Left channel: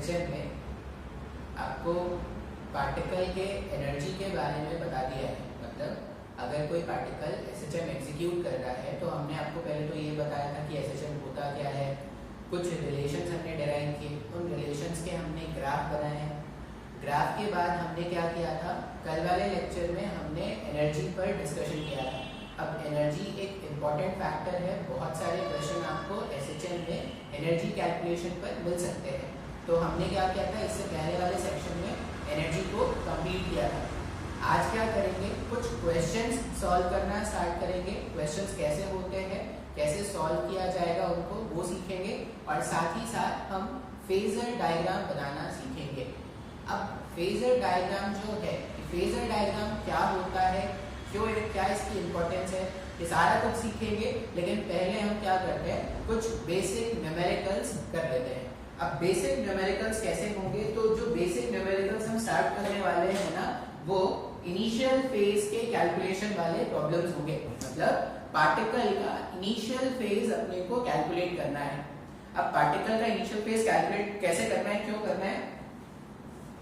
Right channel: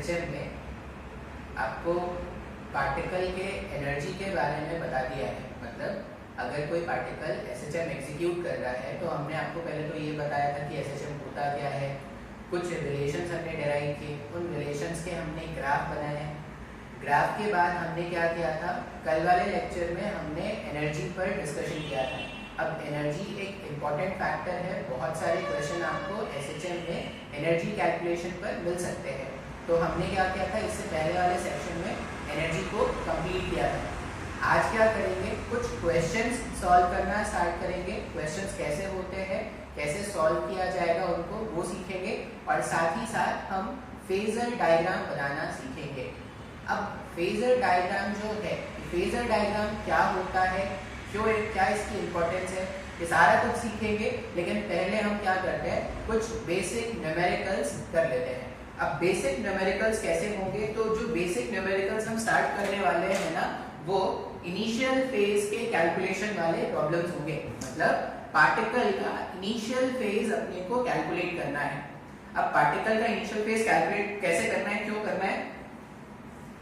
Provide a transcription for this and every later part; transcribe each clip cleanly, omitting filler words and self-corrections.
SHM में आपको particle के एनर्जी के बारे में बता दिया है। मतलब अगर कोई पार्टिकल एसएचएम एग्जीक्यूट कर रहा है तो हमने आपको पहले तो ये बताया था कि एसएचएम होता क्या है, कुछ रिलेशंस हमने डिराइव किए, उन रिलेशंस के हमने ग्राफ बनाए हैं। ग्राफ के बाद हमने क्या किया था, कल वाले लेक्चर में हमने एनर्जी पर डिस्कशन किया था। अब एनर्जी एक इम्पॉर्टेंट फैक्टर है, बहुत सारे क्वेश्चन आपको एसएचएम में एनर्जी कैलकुलेशन पर मिल सकते हैं। तो हमने क्या किया था, इससे पहले वाले सेक्शन में एनर्जी को कंप्लीट किया था। आज क्या करेंगे, कुछ क्वेश्चंस सॉल्व करना स्टार्ट करेंगे। क्वेश्चंस कैसे होते हैं, कैसे सॉल्व किया जाएगा उनको, वो सीखेंगे और साथ ही साथ हम फेजर डायग्राम बनाना सीखेंगे। अब फेजर डायग्राम जो है, फेजर डायग्राम क्या होता है, क्यों, क्या इसकी इंपॉर्टेंस है, ये सारा कुछ सीखेंगे। लेकिन पहले हम क्या करते हैं, कुछ बेसिक न्यूमेरिकल्स कर लेते हैं। अब बेसिक न्यूमेरिकल्स कैसे होंगे, तो जो बेसिक न्यूमेरिकल्स हम स्टार्ट करने वाले हैं ना, वो इनिशियल फेज के कैलकुलेशन वाले प्रॉब्लम्स होंगे। मतलब पार्टिकल का इनिशियल फेज अपने को कैलकुलेट करना है। अब पार्टिकल का इनिशियल फेज कैलकुलेट कैसे करना है, क्यों करना है,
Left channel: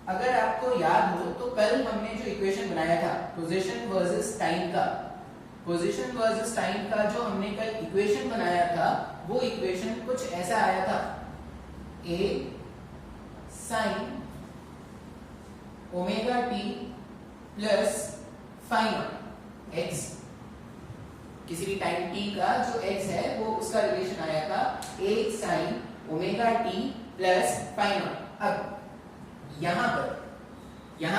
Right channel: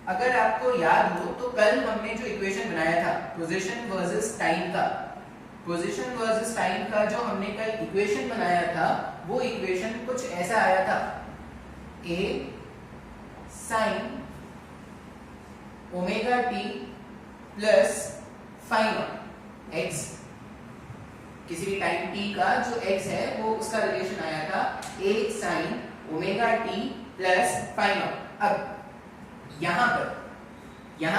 अगर आपको याद हो तो कल हमने जो इक्वेशन बनाया था पोजीशन वर्सेस टाइम का, पोजीशन वर्सेस टाइम का जो हमने कल इक्वेशन बनाया था, वो इक्वेशन कुछ ऐसा आया था, a sin omega t plus fine x, किसी भी टाइम t का जो x है वो उसका रिलेशन आया था a sin omega t plus fine. अब यहां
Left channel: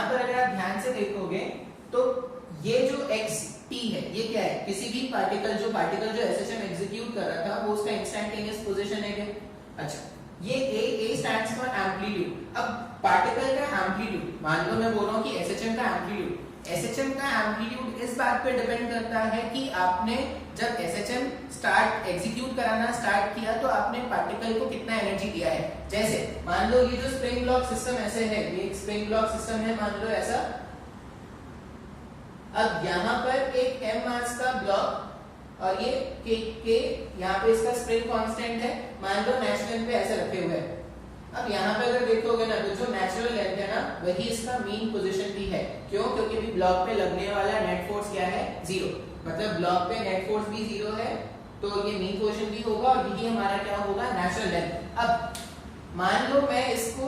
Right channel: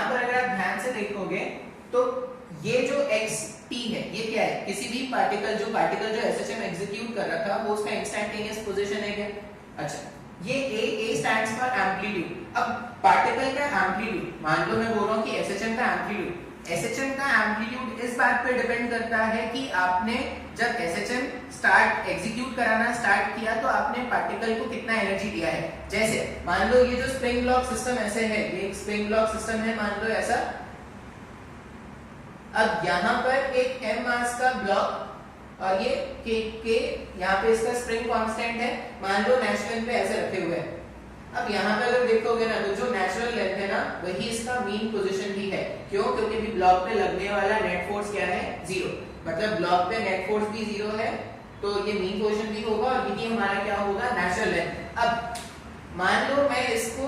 पर अगर आप ध्यान से देखोगे तो ये जो x t है, ये क्या है, किसी भी पार्टिकल जो एसएचएम एग्जीक्यूट कर रहा था वो उसका इंस्टेंटेनियस पोजीशन है क्या। अच्छा, ये a स्टैंड्स फॉर एम्पलीट्यूड। अब पार्टिकल का एम्पलीट्यूड, मान लो मैं बोल रहा हूं कि एसएचएम का एम्पलीट्यूड इस बात पे डिपेंड करता है कि आपने जब एसएचएम एग्जीक्यूट कराना स्टार्ट किया तो आपने पार्टिकल को कितना एनर्जी दिया है। जैसे मान लो ये जो स्प्रिंग ब्लॉक सिस्टम ऐसे है, ये एक स्प्रिंग ब्लॉक सिस्टम है, मान लो ऐसा। अब यहाँ पर एक m मास का ब्लॉक और ये k यहाँ पे इसका स्प्रिंग कांस्टेंट है, मान लो नेचुरल पे ऐसे रखे हुए हैं। अब यहाँ पे अगर देखोगे ना तो जो नेचुरल लेंथ है ना वही इसका मीन पोजीशन भी है। क्यों, क्योंकि भी ब्लॉक पे लगने वाला नेट फोर्स क्या है, 0। मतलब ब्लॉक पे नेट फोर्स भी 0 है, तो ये मीन पोजीशन भी होगा और ये हमारा क्या होगा, नेचुरल लेंथ। अब मान लो मैं इसको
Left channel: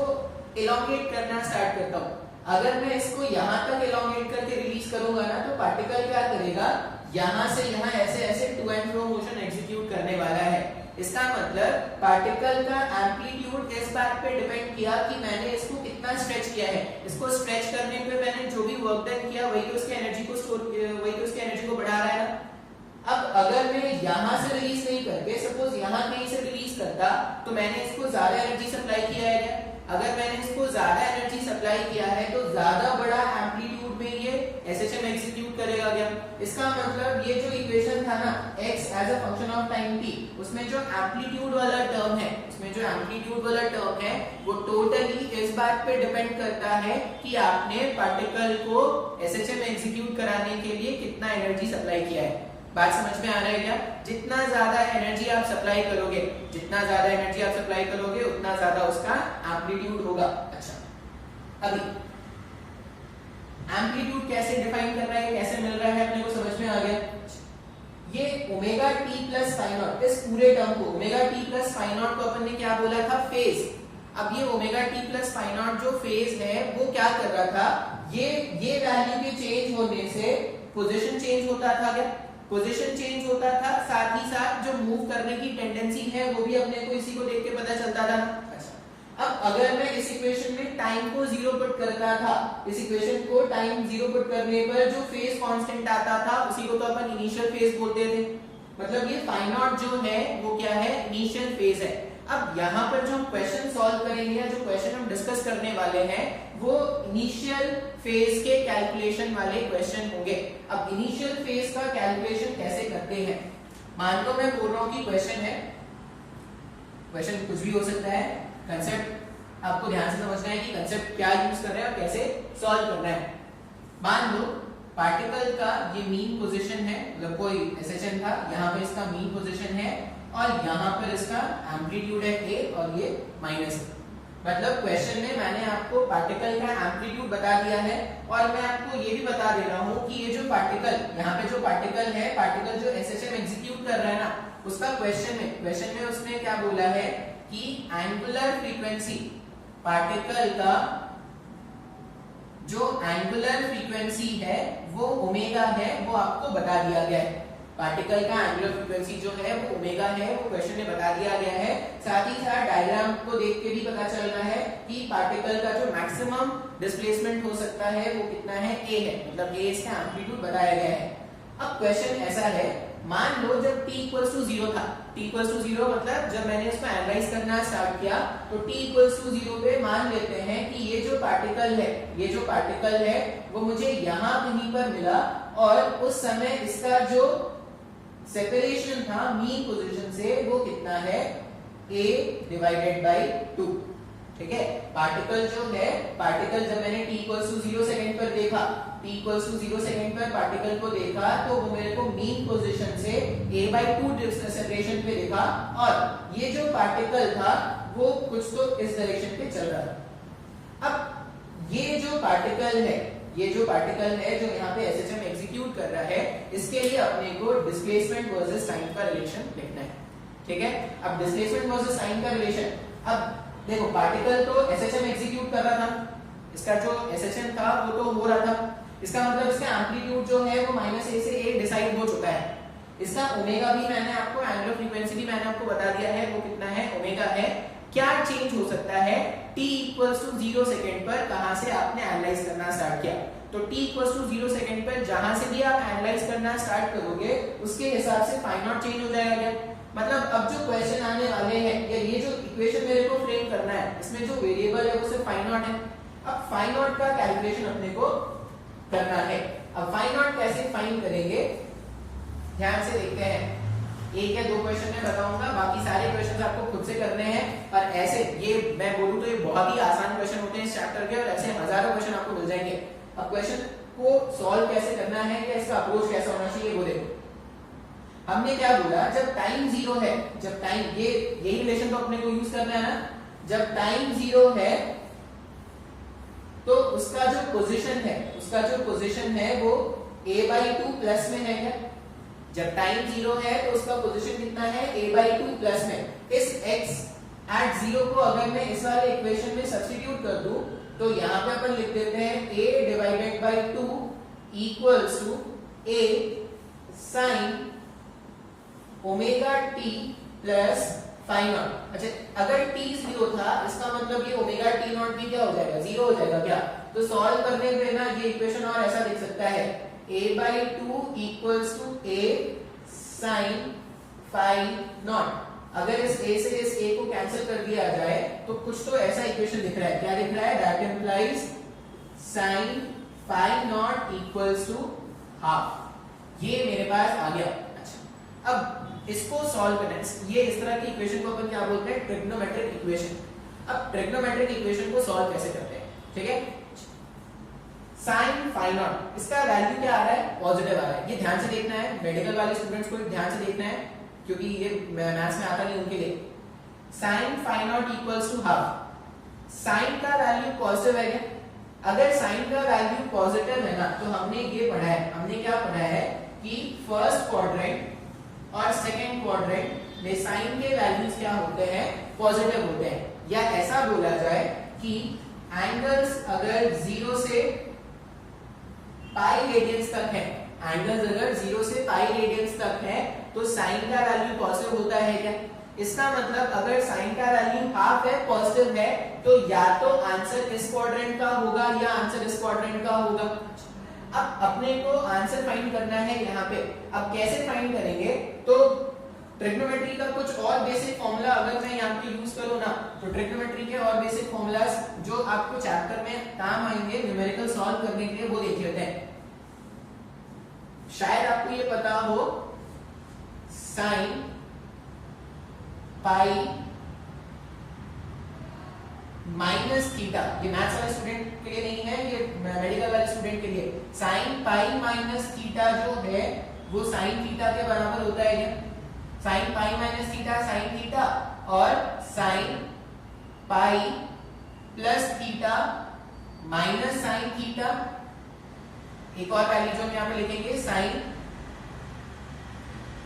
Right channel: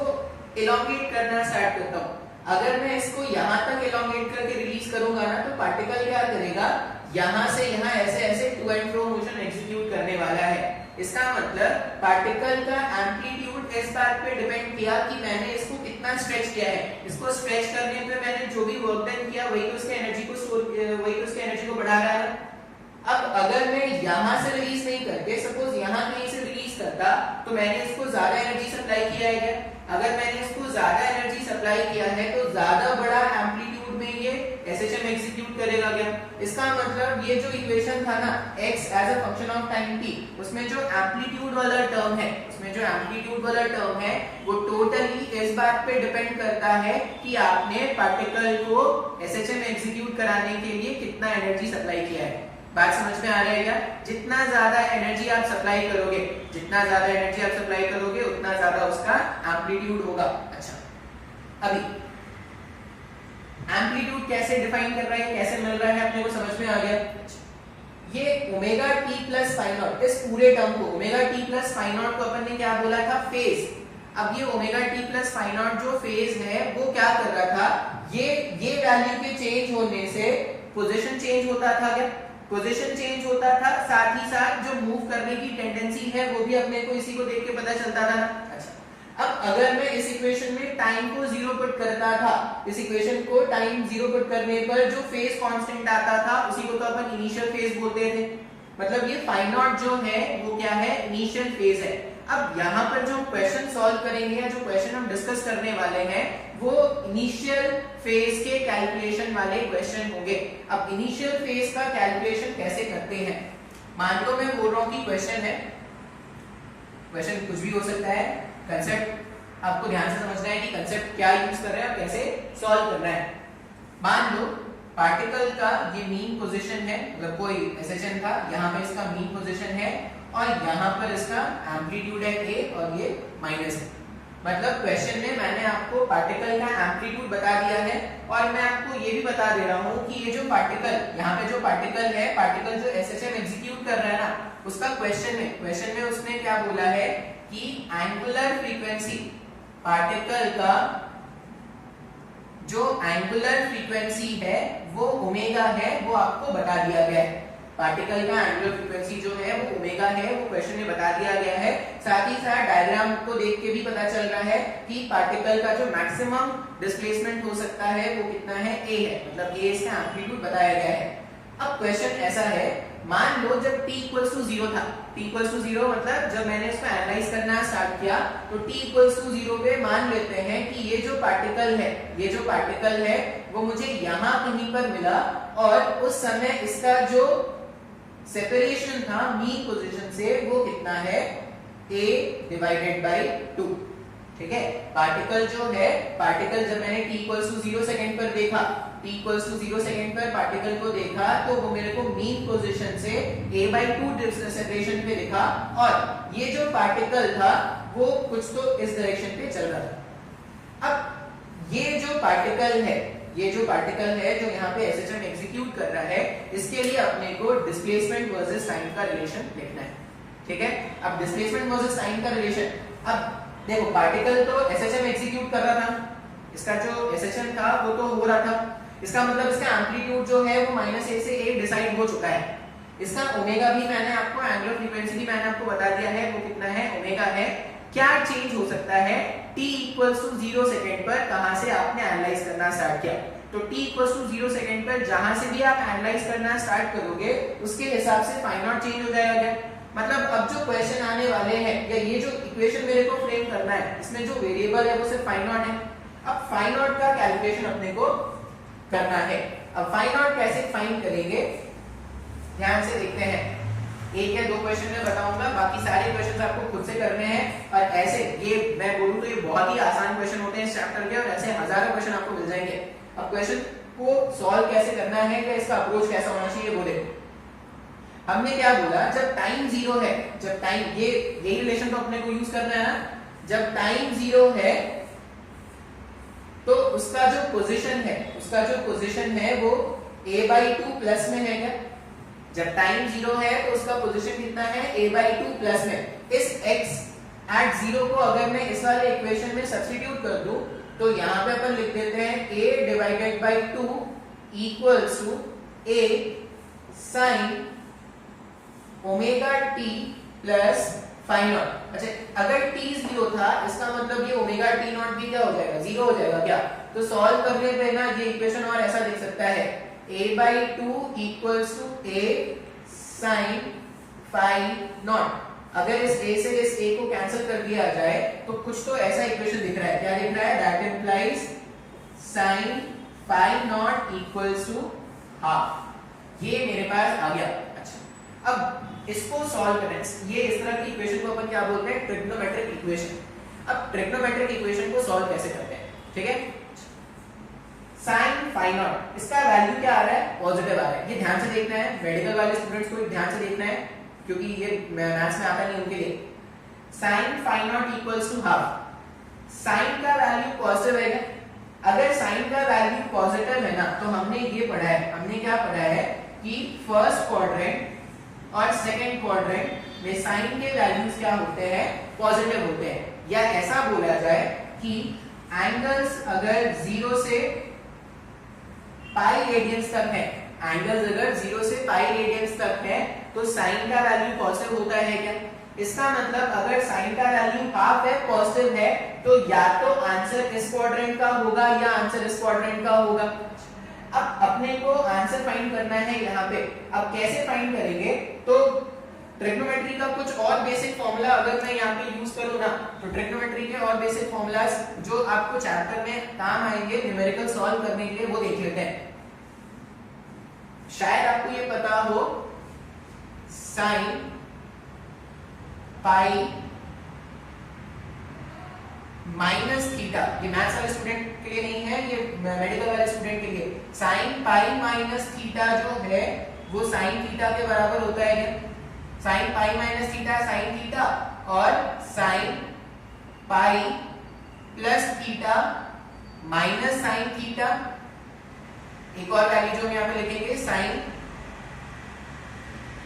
इलोंगेट करना स्टार्ट करता हूँ। अगर मैं इसको यहाँ तक इलोंगेट करके रिलीज करूंगा ना तो पार्टिकल क्या करेगा, यहाँ से यहाँ ऐसे to and fro motion execute करने वाला है। इसका मतलब पार्टिकल का एम्पलीट्यूड इस बात पे डिपेंड किया कि मैंने इसको कितना स्ट्रेच किया है। इसको स्ट्रेच करने पे मैंने जो भी वर्क डन किया वही तो उसकी एनर्जी को बढ़ा रहा है ना। अब अगर मैं यहाँ से रिलीज नहीं करके सपोज यहाँ कहीं से रिलीज करता तो मैंने इसको ज्यादा एनर्जी सप्लाई किया है क्या। अगर मैंने इसको ज्यादा एनर्जी सप्लाई किया है तो ज्यादा बड़ा एम्पलीट्यूड में ये एसएचएम एग्जीक्यूट करेगा क्या। इसका मतलब ये जो इक्वेशन था ना x as a function of time t, उसमें जो एम्पलीट्यूड वाला टर्म है वो टोटली इस बात पे डिपेंड करता है कि आपने पार्टिकल को एसएचएम एग्जीक्यूट कराने के लिए कितना एनर्जी सप्लाई किया है। बात समझ में आ रहा है क्या। जितना ज्यादा एनर्जी आप सप्लाई करोगे उतना ज्यादा उसका एम्पलीट्यूड होगा। अच्छा, अभी एम्पलीट्यूड कैसे डिफाइन कर रहा है, कैसे मिल रहा है अपने को समझ में आ गया। ये omega t plus phi naught, इस पूरे टर्म को omega t plus phi naught को अपन ने क्या बोला था, फेज। अब ये omega t plus phi naught जो फेज है वो क्या कर रहा था, ये वैल्यू के चेंज होने से पोजीशन चेंज होता था क्या, पोजीशन चेंज होता था, साथ ही साथ जो मूव करने की टेंडेंसी है वो भी अपने को इसी को देख के पता चलता था ना। अच्छा, अब अगर मैं इस इक्वेशन में टाइम को 0 पुट करता था, इस इक्वेशन को टाइम 0 पुट करने पर जो फेज कांस्टेंट आता था उसी को तो अपन इनिशियल फेज बोलते थे। मतलब ये फाई नॉट जो है वो क्या है, इनिशियल फेज है। अब यहाँ पर जो हम क्वेश्चन सॉल्व करेंगे या जो क्वेश्चन हम डिस्कस करने वाले हैं वो इनिशियल फेज के कैलकुलेशन वाले क्वेश्चन होंगे। अब इनिशियल फेज का कैलकुलेशन कैसे करते हैं, मान लो मैं बोल रहा हूं कि क्वेश्चन है, क्वेश्चन कुछ भी हो सकता है, कंसेप्ट आपको ध्यान से समझना है कि कंसेप्ट क्या यूज कर रहे हैं और कैसे सॉल्व करना है। मान लो पार्टिकल का ये मीन पोजीशन है, मतलब कोई एसएचएम था, यहाँ पे इसका मीन पोजीशन है और यहाँ पर इसका एम्पलीट्यूड है a और ये माइनस है। मतलब क्वेश्चन में मैंने आपको पार्टिकल का एम्पलीट्यूड बता दिया है और मैं आपको ये भी बता दे रहा हूँ कि ये जो पार्टिकल यहाँ पे जो पार्टिकल है, पार्टिकल जो एसएचएम एग्जीक्यूट कर रहा है ना, उसका क्वेश्चन में उसने क्या बोला है कि एंगुलर फ्रीक्वेंसी, पार्टिकल का जो एंगुलर फ्रीक्वेंसी है वो ओमेगा है, वो आपको बता दिया गया है। पार्टिकल का एंगुलर फ्रीक्वेंसी जो है वो ओमेगा है, वो क्वेश्चन में बता दिया गया है। साथ ही साथ डायग्राम को देख के भी पता चल रहा है कि पार्टिकल का जो मैक्सिमम डिस्प्लेसमेंट हो सकता है वो कितना है, a है, मतलब a इसका एम्पलीट्यूड बताया गया है। अब क्वेश्चन ऐसा है, मान लो जब t इक्वल्स टू 0 था, t इक्वल्स टू 0 मतलब जब मैंने इसको एनालाइज करना स्टार्ट किया तो t इक्वल्स टू 0 पे मान लेते हैं कि ये जो पार्टिकल है वो मुझे यहाँ कहीं पर मिला और उस समय इसका जो सेपरेशन था मीन पोजीशन से वो कितना है, a डिवाइडेड बाय 2। ठीक है, पार्टिकल जो है, पार्टिकल जब मैंने t इक्वल्स टू 0 सेकंड पर देखा, t इक्वल्स टू 0 सेकंड पर पार्टिकल को देखा तो वो मेरे को मीन पोजीशन से a बाय 2 सेपरेशन पे दिखा और ये जो पार्टिकल था वो कुछ तो इस डायरेक्शन पे चल रहा था। अब ये जो पार्टिकल है जो यहाँ पे एसएचएम एग्जीक्यूट कर रहा है, इसके लिए अपने को डिस्प्लेसमेंट वर्सेस टाइम का रिलेशन लिखना है। ठीक है, अब डिस्प्लेसमेंट वर्सेस टाइम का रिलेशन, अब देखो पार्टिकल तो एसएचएम एग्जीक्यूट कर रहा था, इसका जो एसएचएम था वो तो हो रहा था, इसका मतलब इसका एम्पलीट्यूड जो है वो -a से a डिसाइड हो चुका है। इसका ओमेगा भी मैंने आपको, एंगुलर फ्रीक्वेंसी भी मैंने आपको बता दिया है, वो कितना है, ओमेगा है। क्या चेंज हो सकता है t इक्वल्स टू 0 सेकंड पर, कहां से आपने एनालाइज करना स्टार्ट किया, तो t इक्वल्स टू 0 सेकंड पर जहां से भी आप एनालाइज करना स्टार्ट करोगे उसके हिसाब से फाइ नॉट चेंज हो जाएगा। मतलब अब जो क्वेश्चन आने वाले हैं या ये जो इक्वेशन मेरे को फ्रेम करना है, इसमें जो वेरिएबल है वो सिर्फ फाइ नॉट है। अब फाइ नॉट का कैलकुलेशन अपने को करना है। अब फाइ नॉट कैसे फाइंड करेंगे, ध्यान से देखते हैं। एक या दो क्वेश्चन मैं बताऊंगा, बाकी सारे क्वेश्चन आपको खुद से करने हैं। और ऐसे ये मैं बोलूं तो ये बहुत ही आसान क्वेश्चन होते हैं इस चैप्टर के, और ऐसे हजारों क्वेश्चन आपको मिल जाएंगे। अब क्वेश्चन को सॉल्व कैसे करना है या इसका अप्रोच कैसा होना चाहिए वो देखो। हमने क्या बोला, जब टाइम 0 है, जब टाइम, ये यही रिलेशन तो अपने को यूज करना है ना, जब टाइम 0 है तो उसका जो पोजीशन है वो a/2 प्लस में है क्या। जब टाइम 0 है तो उसका पोजीशन कितना है, a/2 प्लस में। इस x एट 0 को अगर मैं इस वाले इक्वेशन में सब्स्टिट्यूट कर दूं तो यहां पे अपन लिख देते हैं a divided by 2 equals to a sin omega t plus phi naught. अच्छा, अगर t 0 था इसका मतलब ये ओमेगा t नॉट भी क्या हो जाएगा, 0 हो जाएगा क्या। तो सॉल्व करने पे ना ये इक्वेशन और ऐसा दिख सकता है, a/2 equals to a sin phi naught. अगर इस a से इस a को कैंसिल कर दिया जाए तो कुछ तो ऐसा इक्वेशन दिख रहा है, क्या दिख रहा है, that implies sin phi naught equals to half. ये मेरे पास आ गया। अच्छा, अब इसको सॉल्व करना है, ये इस तरह की इक्वेशन को अपन क्या बोलते हैं, ट्रिग्नोमेट्रिक इक्वेशन। अब ट्रिग्नोमेट्रिक इक्वेशन को सॉल्व कैसे करते हैं, ठीक है। sin फाइ नॉट, इसका वैल्यू क्या आ रहा है, पॉजिटिव आ रहा है। ये ध्यान से देखना है, मेडिकल वाले स्टूडेंट्स को ध्यान से देखना है क्योंकि ये मैथ्स में आता नहीं उनके लिए। sin phi naught equals to half. sin का वैल्यू पॉजिटिव है क्या, अगर sin का वैल्यू पॉजिटिव है ना तो हमने ये पढ़ा है, हमने क्या पढ़ा है कि फर्स्ट क्वाड्रेंट और सेकंड क्वाड्रेंट में साइन के वैल्यूज क्या होते हैं, पॉजिटिव होते हैं। या ऐसा बोला जाए कि एंगल्स अगर 0 से पाई रेडियंस तक है, एंगल्स अगर 0 से पाई रेडियंस तक है तो साइन का वैल्यू पॉजिटिव होता है क्या। इसका मतलब अगर साइन का वैल्यू हाफ है, पॉजिटिव है, तो या तो आंसर इस क्वाड्रेंट का होगा या आंसर इस क्वाड्रेंट का होगा। अब अपने को आंसर फाइंड करना है यहाँ पे। अब कैसे फाइंड करेंगे, तो ट्रिग्नोमेट्री का कुछ और बेसिक फॉर्मूला अगर मैं यहाँ पे यूज करूँ ना, तो ट्रिग्नोमेट्री के और बेसिक फॉर्मूलाज जो आपको चैप्टर में काम आएंगे न्यूमेरिकल सॉल्व करने के लिए, वो देख लेते हैं। शायद आपको ये पता हो, साइन पाई माइनस थीटा, ये मैथ्स वाले स्टूडेंट के लिए नहीं है, ये मेडिकल वाले स्टूडेंट के लिए। साइन पाई माइनस थीटा जो है वो साइन थीटा के बराबर होता है क्या। Sine pi minus theta sine theta और sine pi plus theta minus sine theta, एक और वैल्यू जो हम यहाँ पे लिखेंगे sine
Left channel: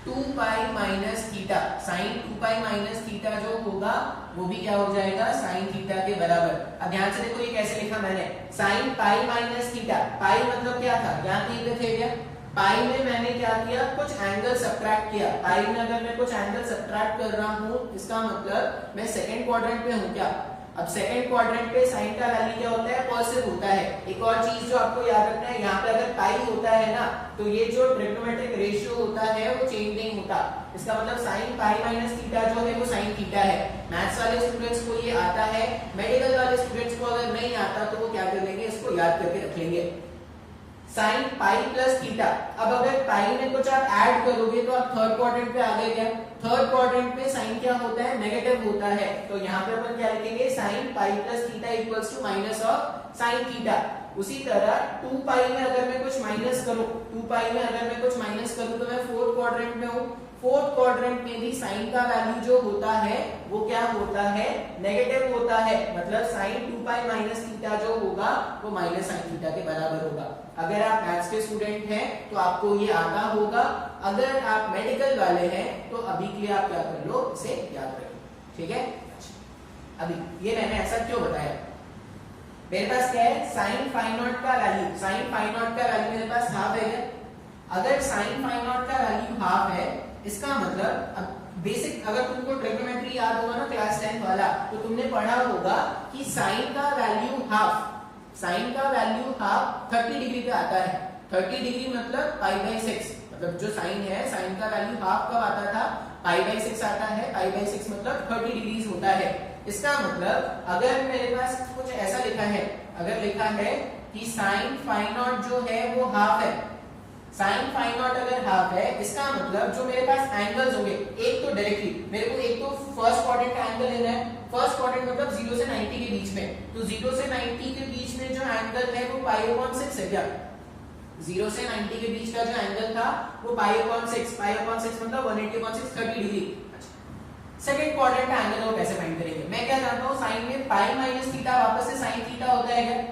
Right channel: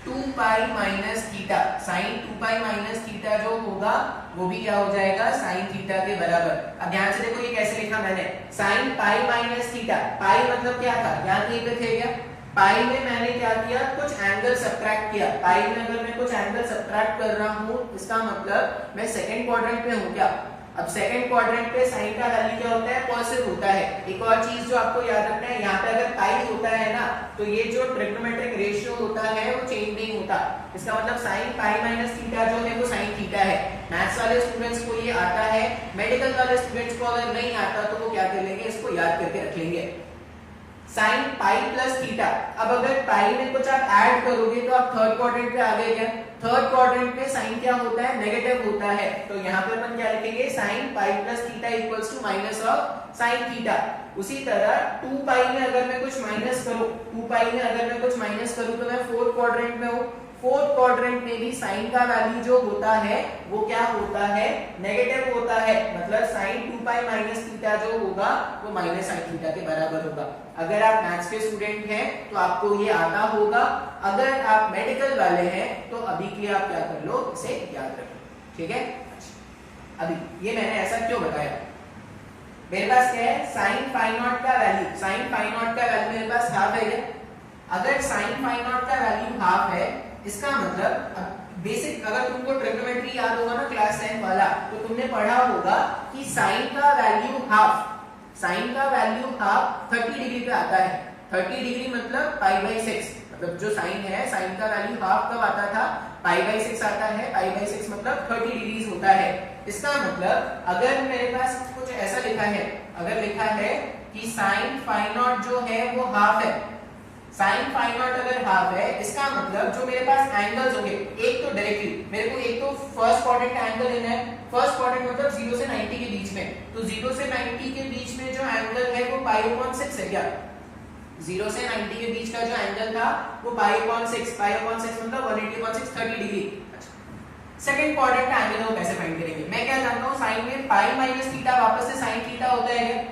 2 pi minus theta, sine 2 pi minus theta जो होगा वो भी क्या हो जाएगा साइन थीटा के बराबर। अब ध्यान से देखो ये कैसे लिखा मैंने, साइन पाई माइनस थीटा, पाई मतलब क्या था यहाँ कहीं पे थे क्या, पाई में मैंने क्या किया कुछ एंगल सब्ट्रैक्ट किया, पाई में अगर मैं कुछ एंगल सब्ट्रैक्ट कर रहा हूं इसका मतलब मैं सेकंड क्वाड्रेंट में हूं क्या। अब सेकंड क्वाड्रेंट पे साइन का वैल्यू क्या होता है पॉजिटिव होता है। एक और चीज जो आपको याद रखना है, यहाँ पे अगर पाई होता है ना तो ये जो ट्रिग्नोमेट्रिक रेशियो होता है वो चेंज नहीं होता, इसका मतलब साइन पाई माइनस थीटा जो है वो साइन थीटा है। मैथ्स वाले स्टूडेंट्स को ये आता है, मेडिकल वाले स्टूडेंट्स को अगर नहीं आता तो वो क्या कर लेंगे, इसको याद करके रख लेंगे, साइन पाई प्लस थीटा। अब अगर पाई में कुछ आप ऐड करोगे तो आप थर्ड क्वाड्रेंट पे आ गए क्या, थर्ड क्वाड्रेंट पे साइन क्या होता है नेगेटिव होता है, तो यहाँ पे अपन क्या लिखेंगे sine pi plus theta equals to minus of sine theta. उसी तरह 2 पाई में अगर मैं कुछ माइनस करूं, 2 पाई में अगर मैं कुछ माइनस करूं तो मैं फोर्थ क्वाड्रेंट में हूं, फोर्थ क्वाड्रेंट में भी साइन का वैल्यू जो होता है वो क्या होता है नेगेटिव होता है, मतलब साइन 2 पाई माइनस थीटा जो होगा वो माइनस साइन थीटा के बराबर होगा। अगर आप मैथ्स के स्टूडेंट हैं तो आपको ये आता होगा, अगर आप मेडिकल वाले हैं तो अभी के लिए आप क्या कर लो इसे याद रखो, ठीक है। अभी ये मैंने ऐसा क्यों बताया, मेरे पास क्या है साइन फाई नॉट का वैल्यू, साइन फाई नॉट का वैल्यू मेरे पास हाफ है, अगर साइन फाई नॉट का वैल्यू हाफ है इसका मतलब, अब बेसिक अगर तुमको ट्रिग्नोमेट्री याद होगा ना क्लास 10 वाला तो तुमने पढ़ा होगा कि साइन का वैल्यू हाफ, साइन का वैल्यू हाफ 30 डिग्री पे आता है, 30 डिग्री मतलब पाई बाई 6, मतलब जो साइन है साइन का वैल्यू हाफ कब आता था पाई बाई 6 आता है, पाई बाई 6 मतलब 30 डिग्रीज होता है। इसका मतलब अगर मेरे पास कुछ ऐसा लिखा है, अगर लिखा है कि साइन फाई नॉट जो है वो हाफ है, साइन फाई नॉट अगर हाफ है इसका मतलब जो मेरे पास एंगल्स होंगे, एक तो डायरेक्टली मेरे को एक तो फर्स्ट क्वाड्रेंट का एंगल लेना है, फर्स्ट क्वाड्रेंट मतलब 0 से 90 के बीच में, तो 0 से 90 के बीच में जो एंगल है वो पाई अपॉन 6 है क्या, 0 से 90 के बीच का जो एंगल था वो पाई अपॉन 6, पाई अपॉन 6 मतलब 180 अपॉन 6 30 डिग्री। सेकंड क्वाड्रेंट का एंगल वो कैसे फाइंड करेंगे, मैं क्या जानता हूं साइन में पाई माइनस थीटा वापस से साइन थीटा होता है क्या,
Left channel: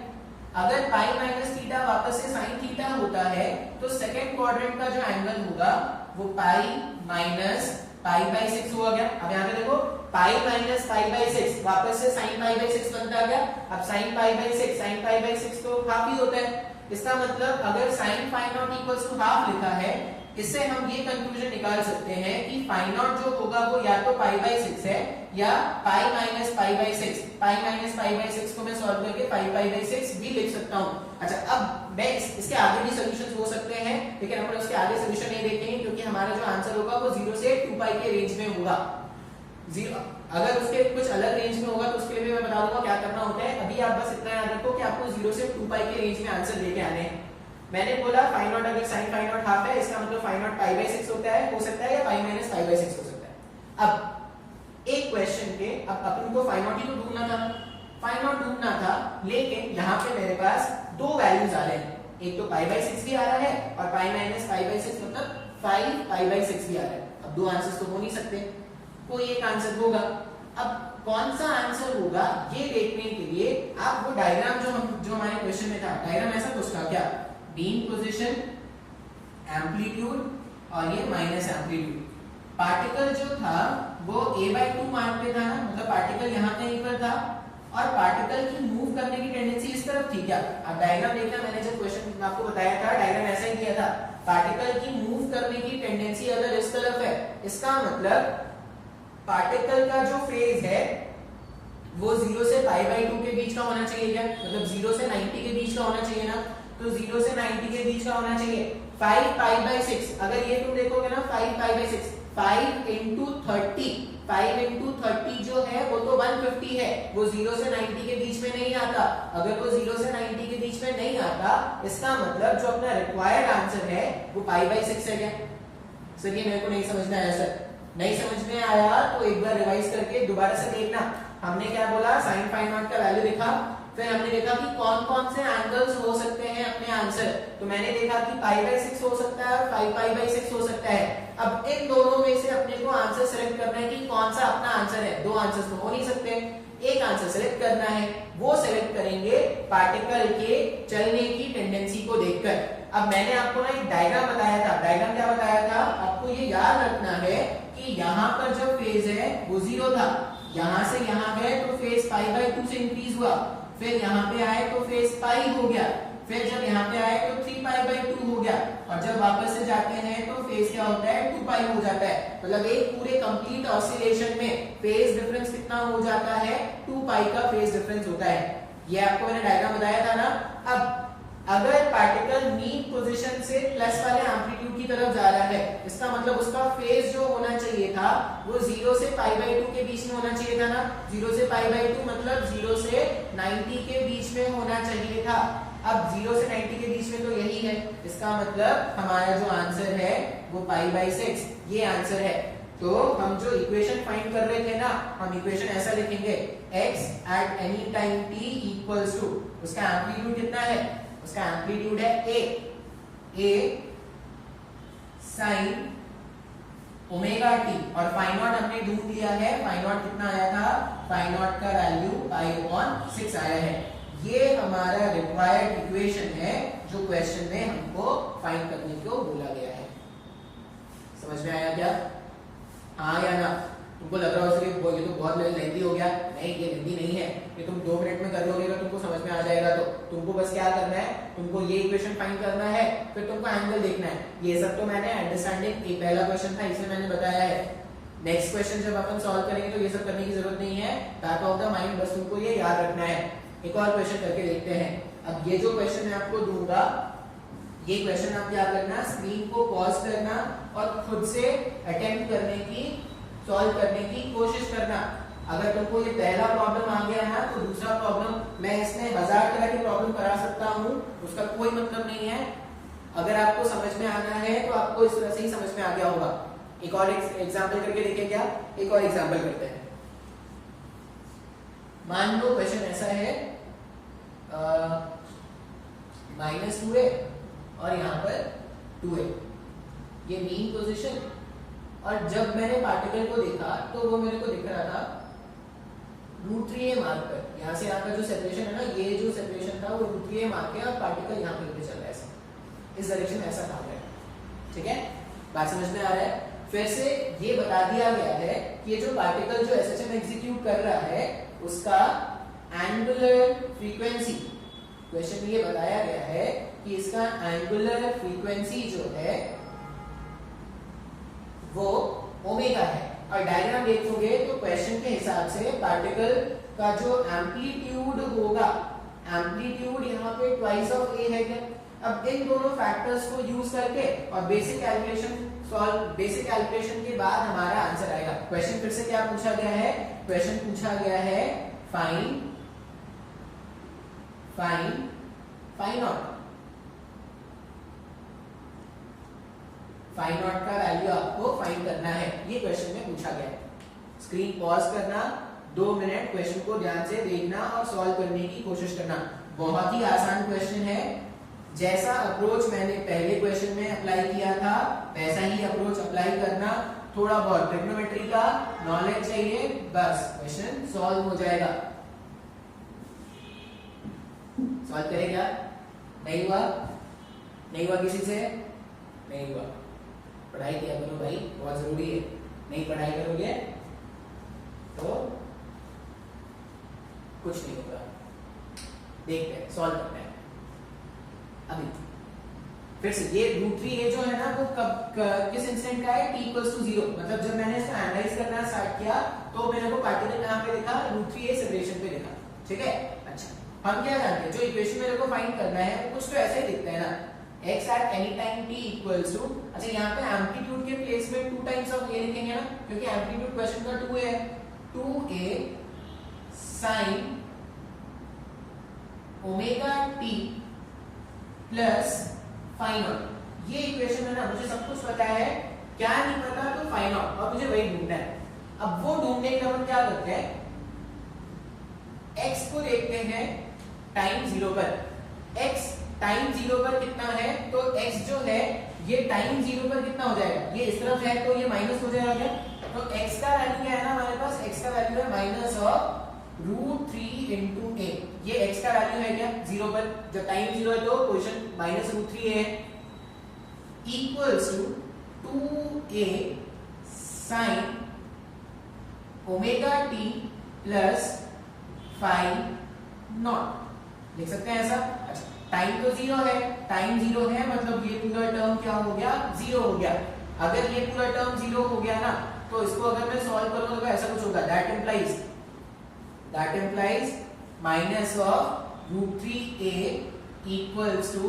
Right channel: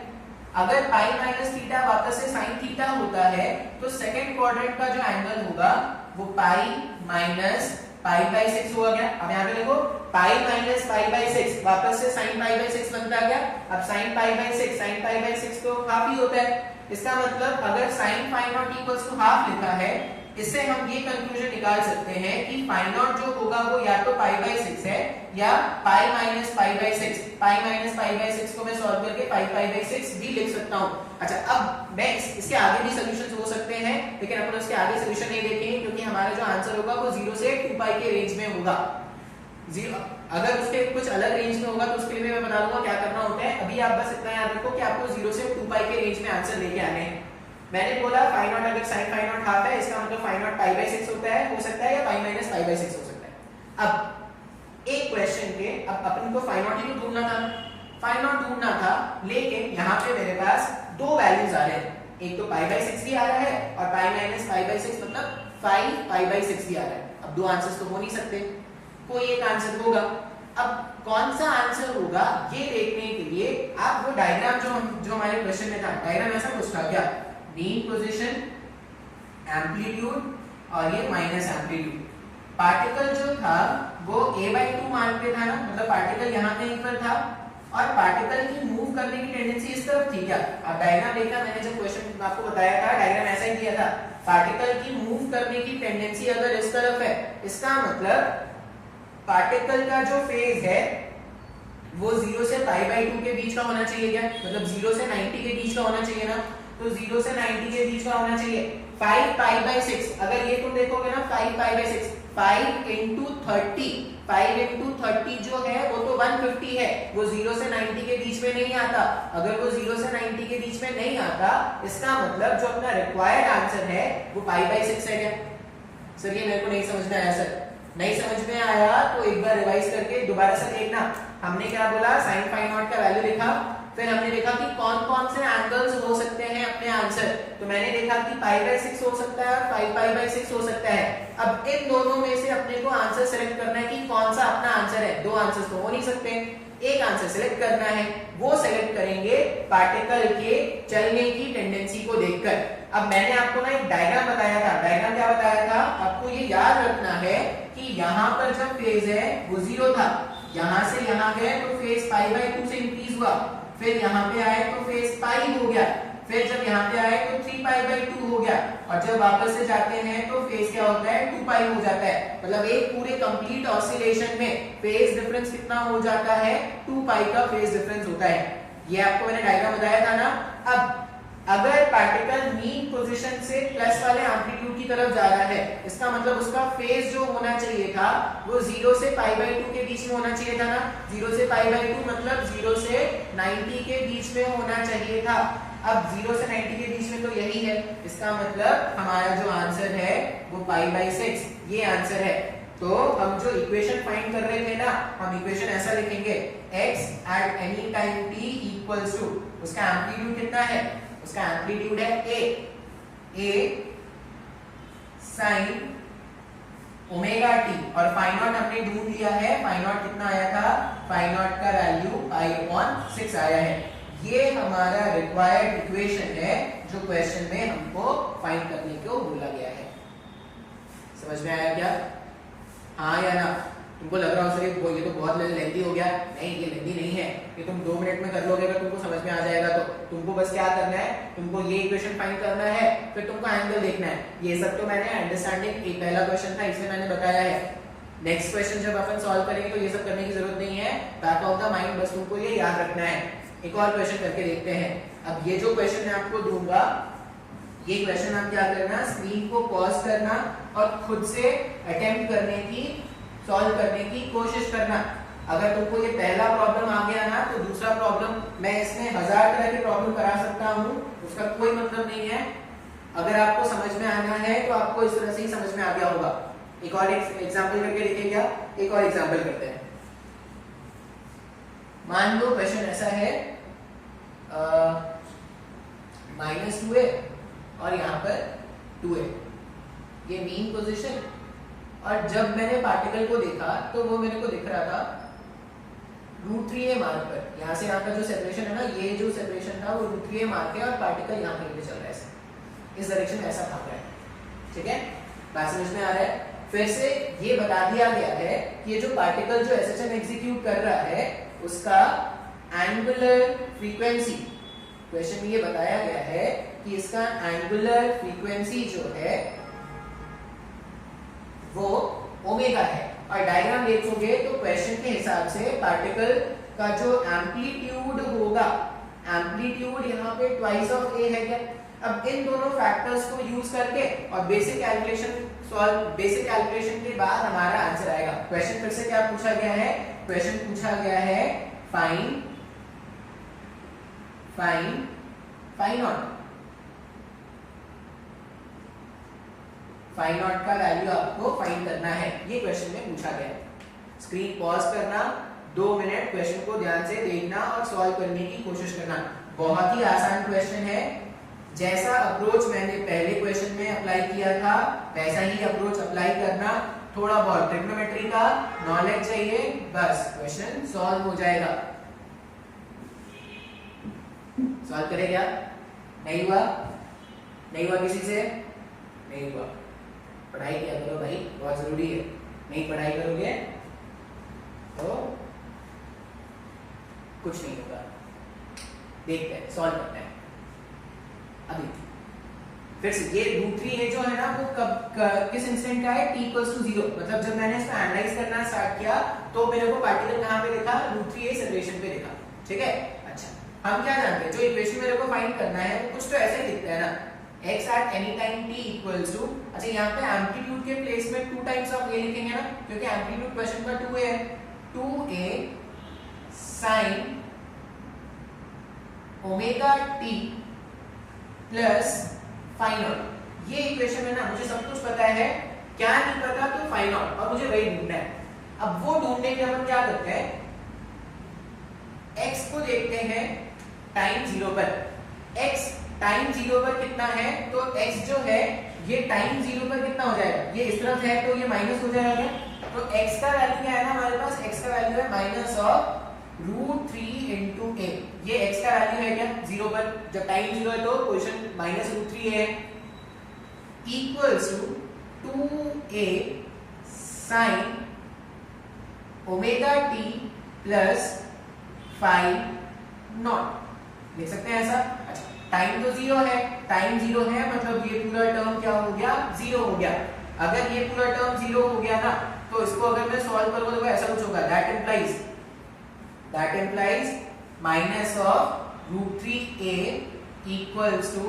अगर पाई माइनस थीटा वापस से साइन थीटा होता है तो सेकंड क्वाड्रेंट का जो एंगल होगा वो पाई माइनस पाई बाई 6 होगा क्या। अब यहाँ पे देखो पाई माइनस पाई बाई 6 वापस से साइन पाई बाई 6 बनता गया, अब sine pi by 6, sine pi by 6 तो हाफ ही होता है, इसका मतलब अगर sine pi naught equals to half लिखा है, इससे हम ये कंक्लूजन निकाल सकते हैं कि पाई नॉट जो होगा वो या तो पाई बाई 6 है या pi minus pi by 6, pi minus pi by 6 को मैं सॉल्व करके पाई बाई 6 भी लिख सकता हूं। अच्छा अब मैं इसके आगे भी सॉल्यूशंस हो सकते हैं, लेकिन अपन उसके आगे सॉल्यूशन नहीं देखेंगे क्योंकि हमारा जो आंसर होगा वो 0 से 2 पाई के रेंज में होगा। अगर उसके कुछ अलग रेंज में होगा तो उसके लिए मैं बता दूंगा क्या करना होता है। अभी आप बस इतना याद रखो कि आपको 0 से 2 पाई के रेंज में आंसर लेके आने हैं। मैंने बोला फाई नॉट अगर साइन फाई नॉट हाफ है इसका मतलब फाई नॉट पाई बाई 6 होता है, हो सकता है या पाई माइनस पाई बाई 6 हो सकता है। अब एक क्वेश्चन के अब अपन को फाई नॉट ही तो ढूंढना था, फाई नॉट ढूंढना था, लेकिन यहाँ पे मेरे पास दो वैल्यूज आ रहे हैं, एक तो पाई बाई 6 भी आ रहा है और पाई माइनस पाई बाई 6 मतलब 5 पाई बाई 6 भी आ रहा है। अब दो आंसर्स तो हो नहीं सकते, कोई एक आंसर होगा। अब कौन सा आंसर होगा ये देखने के लिए आप वो डायग्राम जो हमारे क्वेश्चन में था, डायग्राम ऐसा कुछ था क्या, मीन पोजीशन, एम्पलीट्यूड और ये माइनस एम्पलीट्यूड। पार्टिकल जो था वो a/2 मान पे था ना, मतलब पार्टिकल यहाँ कहीं पर था और पार्टिकल की मूव करने की टेंडेंसी इस तरफ थी क्या। अब डायग्राम देखना, मैंने जब क्वेश्चन आपको बताया था डायग्राम ऐसा ही दिया था, पार्टिकल की मूव करने की टेंडेंसी अगर इस तरफ है इसका मतलब पार्टिकल का जो फेज है वो 0 से पाई बाई 2 के बीच का होना चाहिए क्या, मतलब 0 से 90 के बीच का होना चाहिए ना, तो 0 से 90 के बीच का होना चाहिए 5 पाई बाई 6। अगर ये तुम देखोगे ना 5 पाई बाई 6, 5 into 30, 5 into 30 जो है वो तो 150 है, वो 0 से 90 के बीच में नहीं आता। अगर वो 0 से 90 के बीच में नहीं आता इसका मतलब जो अपना रिक्वायर्ड आंसर है वो पाई बाई 6 है क्या। सर ये मेरे को नहीं समझ में आया, सर नहीं समझ में आया तो एक बार रिवाइज करके दोबारा से देखना। हमने क्या बोला, साइन फाई नॉट का वैल्यू लिखा, फिर हमने देखा कि कौन कौन से एंगल्स हो सकते हैं अपने आंसर, तो मैंने देखा कि पाई बाई 6 हो सकता है और 5 पाई बाई 6 हो सकता है। अब इन दोनों में से अपने को आंसर सिलेक्ट करना है कि कौन सा अपना आंसर है, दो आंसर्स तो हो नहीं सकते, एक आंसर सेलेक्ट करना है, वो सेलेक्ट करेंगे पार्टिकल के चलने की टेंडेंसी को देखकर। अब मैंने आपको ना एक डायग्राम बताया था, डायग्राम क्या बताया था आपको ये याद रखना है कि यहाँ पर जब फेज है वो 0 था, यहां से यहां गए तो फेज π/2 से इंक्रीज हुआ, फिर यहाँ पे आए तो फेज पाई हो गया, फिर जब यहाँ पे आए तो 3π/2 हो गया, और जब वापस से जाते हैं तो फेज क्या होता है 2π हो जाता है। मतलब एक पूरे कंप्लीट ऑसिलेशन में फेज डिफरेंस कितना हो जाता है 2π का फेज डिफरेंस होता है। ये आपको मैंने डायग्राम बताया था ना। अब अगर पार्टिकल मीन पोजीशन से प्लस वाले एम्पलीट्यूड की तरफ जा रहा है, इसका मतलब उसका फेज जो होना चाहिए था वो 0 से π/2 के बीच में होना चाहिए था ना। 0 से π/2 मतलब 0 से 90 के बीच में होना चाहिए था। अब 0 से 90 के बीच में तो यही है, इसका मतलब हमारा जो आंसर है वो π/6 ये आंसर है। तो हम जो इक्वेशन फाइंड कर रहे थे ना, हम इक्वेशन ऐसा लिखेंगे x at any time t equals to, उसका एम्पलीट्यूड कितना है, उसका एम्पलीट्यूड है a sin ओमेगा टी, और फाई नॉट हमने ढूंढ लिया है, फाई नॉट कितना आया था, फाई नॉट का वैल्यू π/6 आया है। ये हमारा रिक्वायर्ड इक्वेशन है जो क्वेश्चन में हमको फाइंड करने को बोला गया है। समझ में आया क्या? हाँ या ना? तुमको लग रहा हो ये तो बहुत लेंथी हो गया, नहीं ये लेंथी नहीं है, ये तुम 2 मिनट में कर लोगे अगर तुमको समझ में आ जाएगा तो। तुमको बस क्या करना है, तुमको ये इक्वेशन फाइंड करना है, फिर तुमको एंगल देखना है। ये सब तो मैंने अंडरस्टैंडिंग एक पहला क्वेश्चन था इसमें मैंने बताया है। नेक्स्ट क्वेश्चन जब अपन सॉल्व करेंगे तो ये सब करने की जरूरत नहीं है, बैक ऑफ द माइंड बस तुमको ये याद रखना है। एक और क्वेश्चन करके देखते हैं। अब ये जो क्वेश्चन मैं आपको दूंगा, ये क्वेश्चन आप क्या करना, स्क्रीन को पॉज करना और खुद से अटेम्प्ट करने की, सॉल्व करने की कोशिश करना। अगर तुमको ये पहला प्रॉब्लम आ गया ना तो दूसरा प्रॉब्लम मैं इसमें 1000 तरह के प्रॉब्लम करा सकता हूँ, उसका कोई मतलब नहीं है। अगर आपको समझ में आना है तो आपको इस तरह से ही समझ में आ गया होगा। एक और एग्जांपल करके देखें क्या? एक और एग्जांपल करते हैं। मान लो क्वेश्चन ऐसा है, -2a और यहाँ पर 2a, ये मीन पोजीशन, और जब मैंने पार्टिकल को देखा तो वो मेरे को दिख रहा था √3a मार्क पर। यहाँ से यहाँ का जो सेपरेशन है ना, ये जो सेपरेशन था वो √3a मार्क है और पार्टिकल यहाँ पर चल रहा है ऐसे, इस डायरेक्शन में ऐसा भाग रहा है। ठीक है, बात समझ में आ रहा है? फिर से ये बता दिया गया है कि ये जो पार्टिकल जो एसएचएम एग्जीक्यूट कर रहा है उसका एंगुलर फ्रीक्वेंसी, क्वेश्चन में ये बताया गया है कि इसका एंगुलर फ्रीक्वेंसी जो है वो ओमेगा है। और डायग्राम देखोगे तो क्वेश्चन के हिसाब से पार्टिकल का जो एम्पलीट्यूड होगा, एम्पलीट्यूड यहाँ पे ट्वाइस ऑफ ए है क्या? अब इन दोनों फैक्टर्स को यूज करके और basic calculation solve, basic calculation के बाद हमारा आंसर आएगा। क्वेश्चन फिर से क्या पूछा गया है? क्वेश्चन पूछा गया है फाइंड फाई नॉट का वैल्यू आपको फाइंड करना है, ये क्वेश्चन में पूछा गया है। स्क्रीन पॉज करना, 2 मिनट क्वेश्चन को ध्यान से देखना और सॉल्व करने की कोशिश करना। बहुत ही आसान क्वेश्चन है, जैसा अप्रोच मैंने पहले क्वेश्चन में अप्लाई किया था वैसा ही अप्रोच अप्लाई करना। थोड़ा बहुत ट्रिग्नोमेट्री का नॉलेज चाहिए, बस क्वेश्चन सॉल्व हो जाएगा। सॉल्व करें क्या? नहीं हुआ? नहीं हुआ किसी से? नहीं हुआ? पढ़ाई किया करो भाई, बहुत जरूरी है। नहीं पढ़ाई करोगे तो कुछ नहीं होगा। देखते हैं, सॉल्व करते हैं अभी। फिर से ये √3a जो है ना वो किस इंस्टेंट का है? t = 0। मतलब जब मैंने इसको एनालाइज करना स्टार्ट किया तो मेरे को पार्टिकल कहाँ पे दिखा? √3a सेपरेशन पे दिखा। ठीक है, अच्छा हम क्या जानते हैं, जो इक्वेशन मेरे को फाइंड करना है वो कुछ तो ऐसे ही दिखता है ना, x at any time t equals to, अच्छा यहाँ पे एम्पलीट्यूड के प्लेस में 2 टाइम्स ऑफ a लिखेंगे ना, क्योंकि एम्पलीट्यूड क्वेश्चन का 2a है, 2a sin omega t plus phi naught. ये इक्वेशन है ना, मुझे सब कुछ पता है, क्या नहीं पता तो फाई नॉट, और मुझे वही ढूंढना है। अब वो ढूंढने के लिए हम क्या करते हैं, x को देखते हैं टाइम 0 पर। x टाइम 0 पर कितना है? तो x जो है ये टाइम 0 पर कितना हो जाएगा? ये इस तरफ है तो ये माइनस हो जाएगा क्या? तो x का वैल्यू क्या है ना हमारे पास? x का वैल्यू है √3 इंटू ए, ये x का वैल्यू है क्या 0 पर, जब टाइम 0 है तो क्वेश्चन -√3 है, equals to 2a sin omega t plus phi naught, लिख सकते हैं ऐसा। अच्छा टाइम तो 0 है, टाइम 0 है मतलब ये पूरा टर्म क्या हो गया 0 हो गया। अगर ये पूरा टर्म 0 हो गया ना तो इसको अगर मैं सॉल्व करूंगा तो ऐसा कुछ होगा, that implies minus of √3a equals to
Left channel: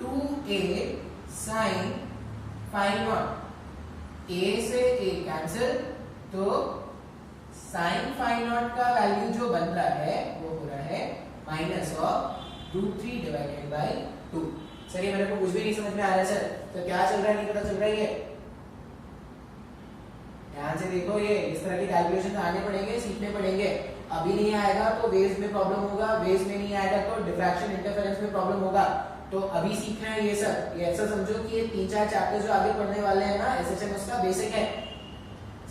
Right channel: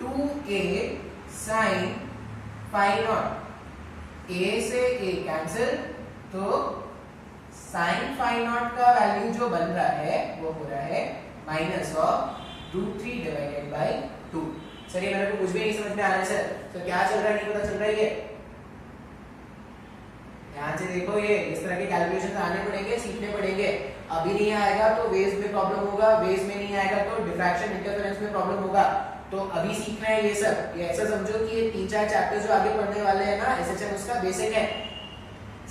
2a sin phi naught, a से a कैंसिल, तो sin फाई नॉट का वैल्यू जो बन रहा है वो हो रहा है minus of √3 divided by 2। Sir ये मेरे को कुछ भी नहीं समझ में आ रहा है सर, तो क्या चल रहा है नहीं पता चल रहा है। ध्यान से देखो, ये इस तरह के कैलकुलेशन आने पड़ेंगे, सीखने पड़ेंगे। अभी नहीं आएगा तो वेव्स में प्रॉब्लम होगा, वेव्स में नहीं आएगा तो डिफ्रैक्शन इंटरफेरेंस में प्रॉब्लम होगा। तो अभी सीखना है ये सब। ये ऐसा समझो कि ये 3-4 चैप्टर जो आगे पढ़ने वाले हैं ना एसएचएम उसका बेसिक है।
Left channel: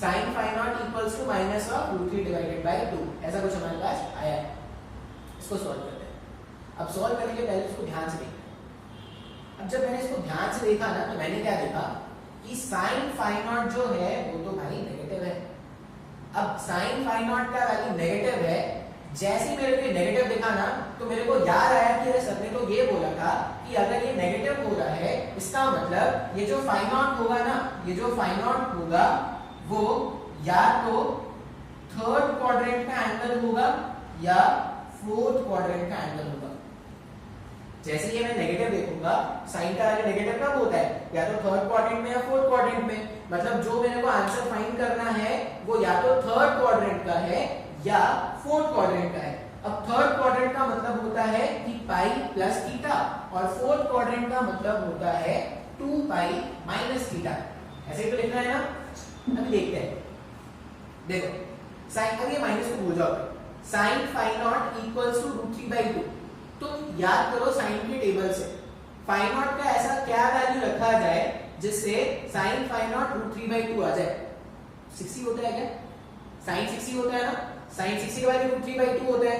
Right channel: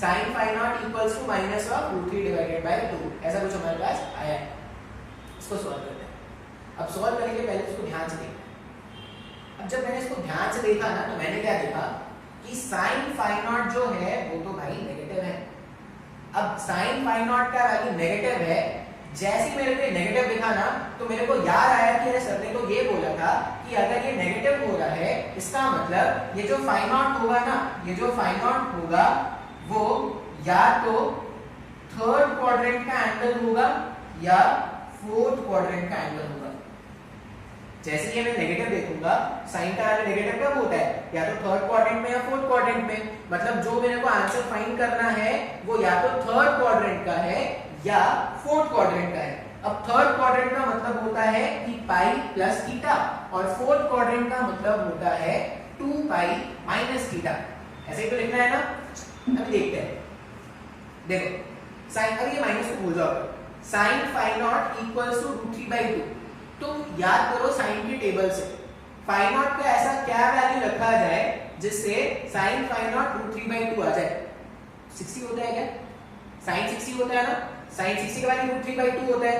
sin phi naught equals to minus of √3 divided by 2, ऐसा कुछ हमारे पास आया है। इसको सॉल्व करते हैं। अब सॉल्व करेंगे, पहले इसको ध्यान से देखना। अब जब मैंने इसको ध्यान से देखा ना तो मैंने क्या देखा कि sin फाई नॉट जो है वो तो भाई नेगेटिव है। अब sin फाई नॉट का वैल्यू नेगेटिव है, जैसे मेरे को नेगेटिव दिखा ना तो मेरे को याद आया कि अरे सर ने तो ये बोला था कि अगर ये नेगेटिव हो रहा है इसका मतलब ये जो फाई नॉट होगा ना, ये जो फाई नॉट होगा वो या तो थर्ड क्वाड्रेंट का एंगल होगा या फोर्थ क्वाड्रेंट का एंगल होगा। जैसे ये मैं नेगेटिव देखूंगा, साइन का वैल्यू नेगेटिव कब होता है, या तो थर्ड क्वाड्रेंट में या फोर्थ क्वाड्रेंट में। मतलब जो मेरे को आंसर फाइंड करना है वो या तो थर्ड क्वाड्रेंट का है या फोर्थ क्वाड्रेंट का है। अब थर्ड क्वाड्रेंट का मतलब होता है कि पाई प्लस थीटा, और फोर्थ क्वाड्रेंट का मतलब होता है 2 पाई माइनस थीटा। ऐसे ही तो लिखना है ना। अभी देखते हैं, देखो साइन, अब ये माइनस को भूल जाओ, sine phi naught equals to √3/2। तुम याद करो साइन के टेबल से फाई नॉट का ऐसा क्या वैल्यू रखा जाए जिससे साइन फाई नॉट √3/2 आ जाए। 60 होता है क्या, साइन 60 होता है ना, साइन 60 का वैल्यू √3/2 होता है।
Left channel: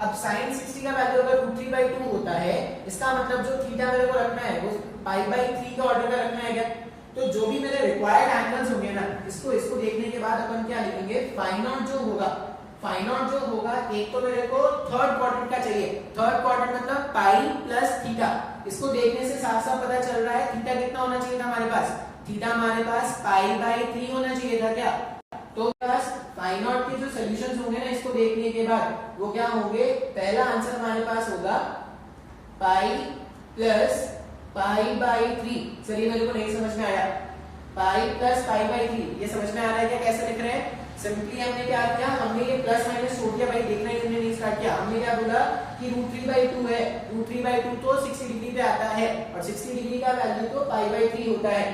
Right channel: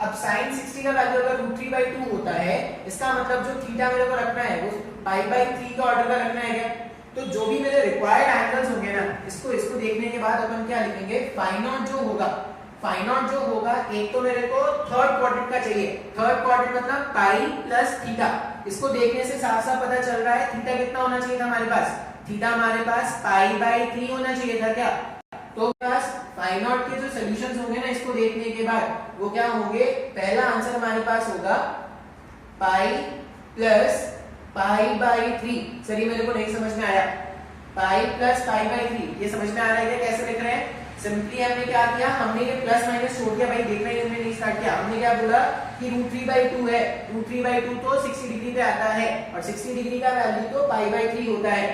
अब साइन 60 का वैल्यू अगर √3/2 होता है, इसका मतलब जो थीटा मेरे को रखना है वो π/3 का ऑर्डर का रखना है क्या। तो जो भी मेरे रिक्वायर्ड एंगल्स होंगे ना, इसको देखने के बाद अपन क्या लिखेंगे, फाई नॉट जो होगा, फाई नॉट जो होगा एक तो मेरे को थर्ड क्वाड्रेंट का चाहिए। थर्ड क्वाड्रेंट मतलब पाई प्लस थीटा। इसको देखने से साफ साफ पता चल रहा है थीटा कितना होना चाहिए था हमारे पास, थीटा हमारे पास π/3 होना चाहिए था क्या। तो बस फाई नॉट के जो सॉल्यूशंस होंगे ना इसको देखने के बाद वो क्या होंगे, पहला आंसर हमारे पास होगा पाई प्लस π/3। सर ये मेरे को नहीं समझ में आया, पाई प्लस π/3 ये समझ में आ रहा है क्या, कैसे लिख रहे हैं। सिंपली हमने क्या किया, हमने ये प्लस माइनस छोड़ दिया, भाई देखना ही हमने नहीं स्टार्ट किया। हमने क्या बोला कि √3/2 है, √3/2 तो 60 डिग्री पे आता है और 60 डिग्री का वैल्यू तो π/3 होता है।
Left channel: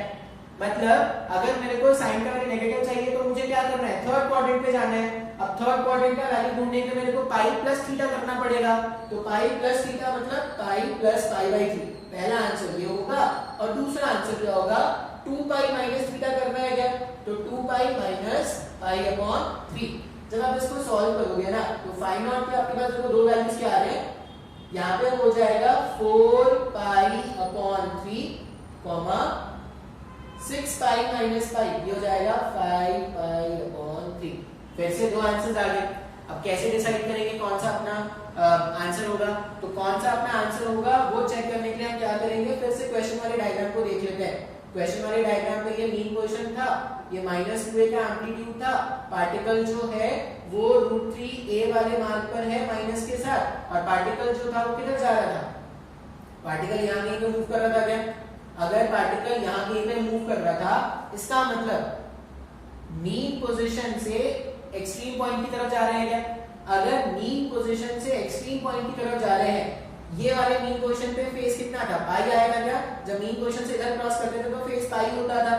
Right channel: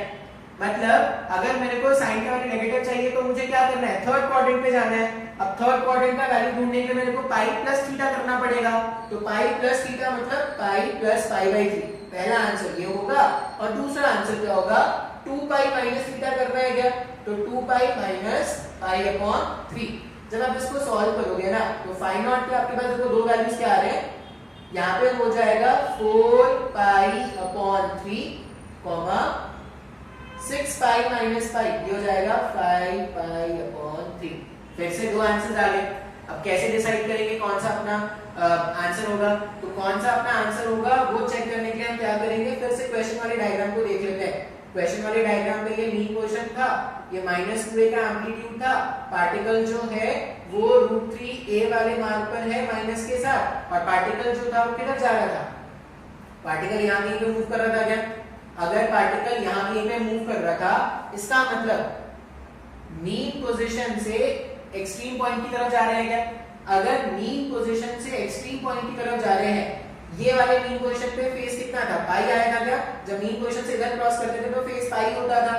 मतलब अगर मेरे को साइन का वैल्यू नेगेटिव चाहिए तो मुझे क्या करना है, थर्ड क्वाड्रेंट पे जाना है। अब थर्ड क्वाड्रेंट का वैल्यू ढूंढने के लिए मेरे को पाई प्लस थीटा करना पड़ेगा। तो पाई प्लस थीटा मतलब पाई प्लस π/3। पहला आंसर ये होगा और दूसरा आंसर क्या होगा, 2 पाई माइनस थीटा करना है क्या, तो 2 पाई माइनस π/3। जब आप इसको सॉल्व करोगे ना तो फाई नॉट पे आपके पास देखो दो वैल्यूज क्या आ रहे हैं, यहाँ पे हो जाएगा 4 π/3 6 पाई माइनस पाई, ये हो जाएगा 5 π/3। फिर से दो आंसर्स आ गए। अब कैसे डिसाइड करेंगे कौन सा अपना आंसर होगा, तो कौन सा अपना आंसर होगा वो चेक करने के लिए हम क्या करेंगे, फिर से क्वेश्चन वाले डायग्राम को देख लेते हैं। क्वेश्चन वाले डायग्राम पे ये मीन पोजीशन था, ये -2a का एम्पलीट्यूड था, पार्टिकल जो है वो √3a वाले मार्क पर है माइनस के साथ, और पार्टिकल जो था वो किधर जा रहा था, पार्टिकल यहाँ कहीं पे मूव कर रहा था क्या। अगर पार्टिकल यहाँ कहीं पे मूव कर रहा था इसका मतलब मीन पोजीशन से एक्सट्रीम पॉइंट की तरफ जा रहे हैं क्या। अगर मीन पोजीशन से एक्सट्रीम पॉइंट की तरफ जा रहे हैं, ये वाले मीन पोजीशन पे फेस कितना था, पाई आएगा क्या। जब मीन पोजीशन से इधर क्रॉस करते थे तो फेस पाई होता था,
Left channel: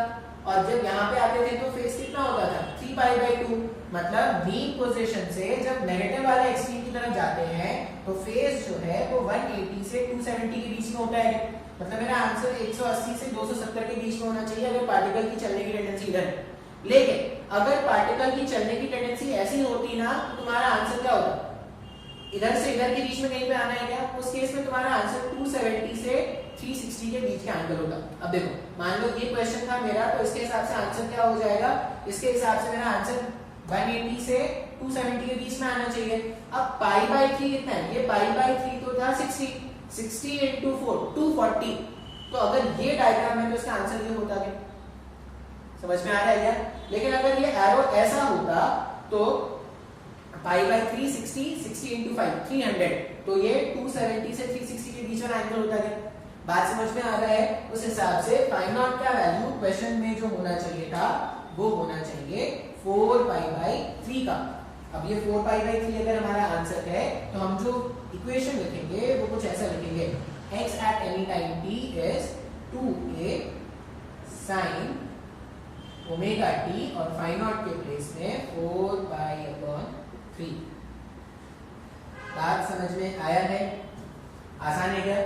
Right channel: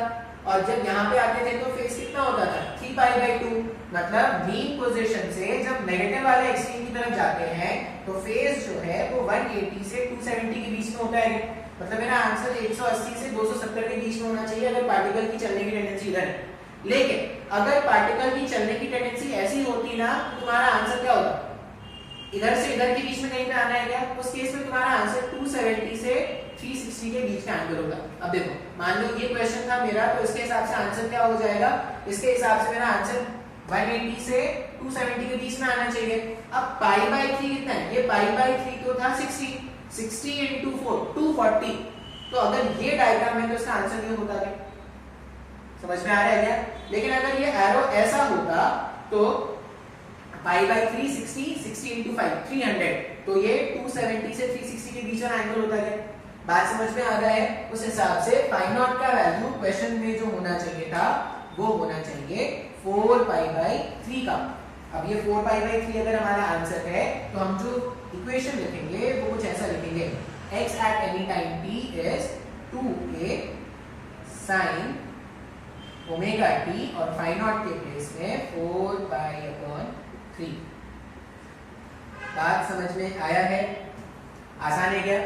और जब यहाँ पे आते थे तो फेस कितना होता था, 3 π/2। मतलब मीन पोजीशन से जब नेगेटिव वाले एक्सट्रीम की तरफ जाते हैं तो फेस जो है वो 180 से 270 के बीच में होता है। मतलब मेरा आंसर 180 से 270 के बीच में होना चाहिए अगर पार्टिकल की चलने की टेंडेंसी इधर है। लेकिन अगर पार्टिकल की चलने की टेंडेंसी ऐसी होती ना तो तुम्हारा आंसर क्या होता, इधर से इधर के बीच में कहीं पे आना है क्या, उस केस में तुम्हारा आंसर 270 से 360 के बीच का आंसर होगा। अब देखो मान लो ये क्वेश्चन था मेरा, तो इसके हिसाब से आंसर क्या हो जाएगा, इसके हिसाब से मेरा आंसर 180 से 270 के बीच में आना चाहिए। अब पाई बाय 3 कितना है, ये पाई बाय 3 तो था 60 into 4 240, तो अगर ये डायग्राम है तो इसका आंसर ये होता है। समझ में आ रहा है क्या? लेकिन अगर ये एरो ऐसा होता तो पाई बाय 3 60 into 5 300, तो ये 270 से 360 के बीच में आंसर होता है। बात समझ में आ रहा है? उस हिसाब से फाई नॉट का वैल्यू क्वेश्चन में जो होना चाहिए था वो होना चाहिए 4 पाई बाय 3 का। अब ये 4 पाई बाय 3 अगर हमारा आंसर है तो हम जो इक्वेशन लिखेंगे वो कुछ ऐसा लिखेंगे, x at any time t is 2a sin omega t और फाई नॉट के प्लेस में 4 पाई अपॉन 3। बात समझ में आया है? आसान है क्या?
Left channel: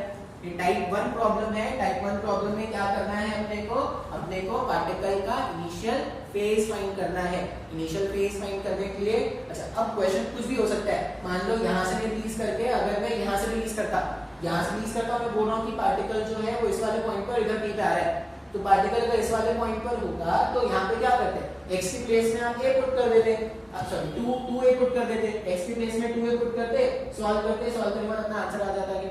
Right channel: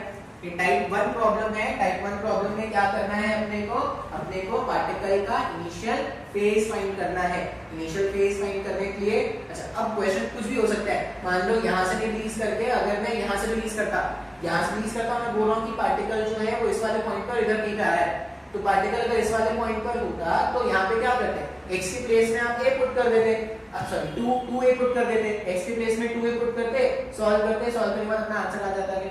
ये टाइप 1 प्रॉब्लम है। टाइप 1 प्रॉब्लम में क्या करना है अपने को पार्टिकल का इनिशियल फेज फाइंड करना है। इनिशियल फेज फाइंड करने के लिए अच्छा अब क्वेश्चन कुछ भी हो सकता है। मान लो यहाँ से रिलीज करके अगर मैं यहाँ से रिलीज करता मैं बोल रहा हूँ कि पार्टिकल जो है वो इस वाले पॉइंट पर इधर नहीं जा रहा है, तो पार्टिकल अगर इस वाले पॉइंट पर होता तो यहाँ पे क्या करते हैं, x की प्लेस में आप a पुट कर देते, सॉरी 2a पुट कर देते, x की प्लेस में 2a पुट करते, सॉल्व करने के बाद अपना आंसर आ जाता है।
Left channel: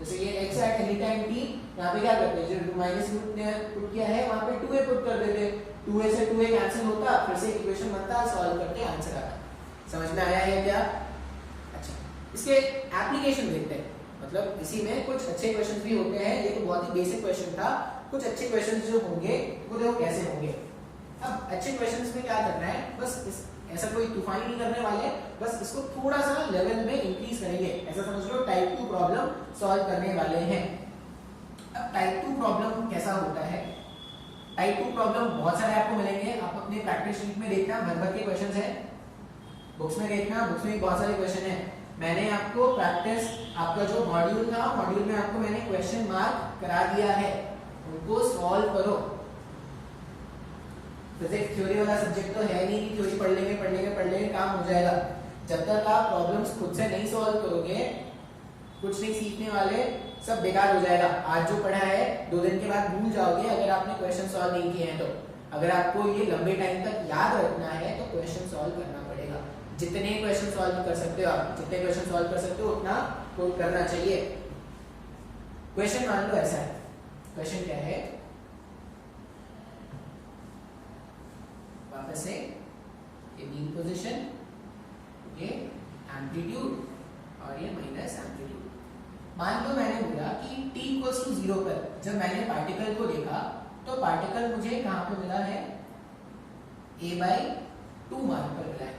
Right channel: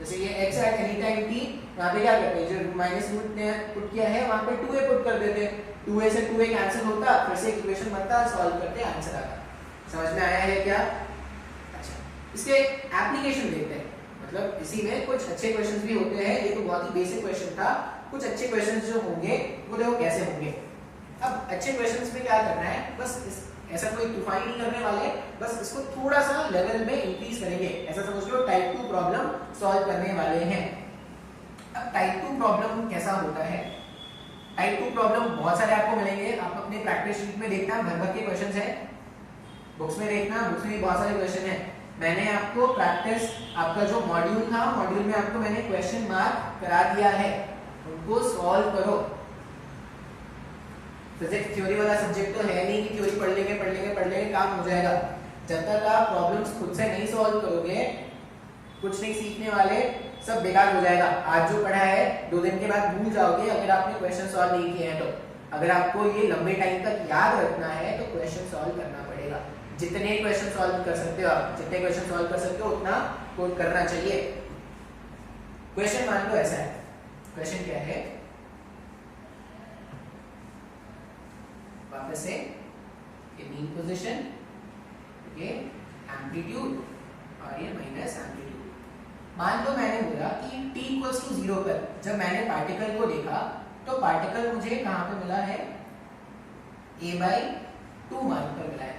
जैसे ये x at any time t, यहाँ पे क्या करते हैं, जो माइनस रूट ने पुट किया है वहां पे 2a पुट कर देते, 2a से 2a कैंसिल होता, फिर से इक्वेशन बनता, सॉल्व करते आंसर आता। समझ में आया है क्या? अच्छा इसके एप्लीकेशन देखते हैं, मतलब इसी में कुछ अच्छे क्वेश्चंस भी होते हैं। ये तो बहुत ही बेसिक क्वेश्चन था, कुछ अच्छे क्वेश्चंस जो होंगे वो देखो कैसे होंगे। अब अच्छे क्वेश्चंस में क्या करना है, बस ऐसा कोई तूफान नहीं करने वाले, बस इसको थोड़ा सा लेवल में इंक्रीज करेंगे। ऐसा समझ लो टाइप 2 प्रॉब्लम सॉल्व करने वाले हैं। अब टाइप 2 प्रॉब्लम कैसा होता है, टाइप 2 प्रॉब्लम बहुत सारे आपको मिलेंगे। आप अपने प्रैक्टिस शीट में देखना, भर के क्वेश्चंस है, बुक्स में देखना, बुक्स में भी बहुत सारे क्वेश्चन है। मैंने आपको प्रैक्टिस, आपका जो मॉड्यूल था, मॉड्यूल में आपको मैंने क्वेश्चन मार्क करा दिया है, उनको सॉल्व करो। फिजिक्स थ्योरी वाला सब्जेक्ट तो है नहीं कि थ्योरी पढ़ लेंगे काम हो जाएगा। जब तक आप प्रॉब्लम्स खुद से नहीं सॉल्व करोगे, कुछ नहीं सीखने वाले, सब बेकार हो जाएगा। आज जो पढ़ा है 2 दिन के बाद भूल जाओगे अगर आपने क्वेश्चन सॉल्व नहीं किए हैं तो। अगर आपको ये लंबे टाइम तक याद रखना है तो क्वेश्चन सॉल्व करना पड़ेगा। जितने क्वेश्चन सॉल्व कर सकते हो आप, जितने क्वेश्चन सॉल्व कर सकते हो उतना करना चाहिए। क्वेश्चन मान लो ऐसा है, क्वेश्चन क्या है, वापस से ये मीन पोजीशन, ये एम्पलीट्यूड और ये माइनस एम्पलीट्यूड। मान लो मैंने बोला कि t इक्वल्स टू 0 पर जब मैंने पार्टिकल को देखा तो पार्टिकल मुझे कहां पे मिला है, a/2 मार्क पर मिला है।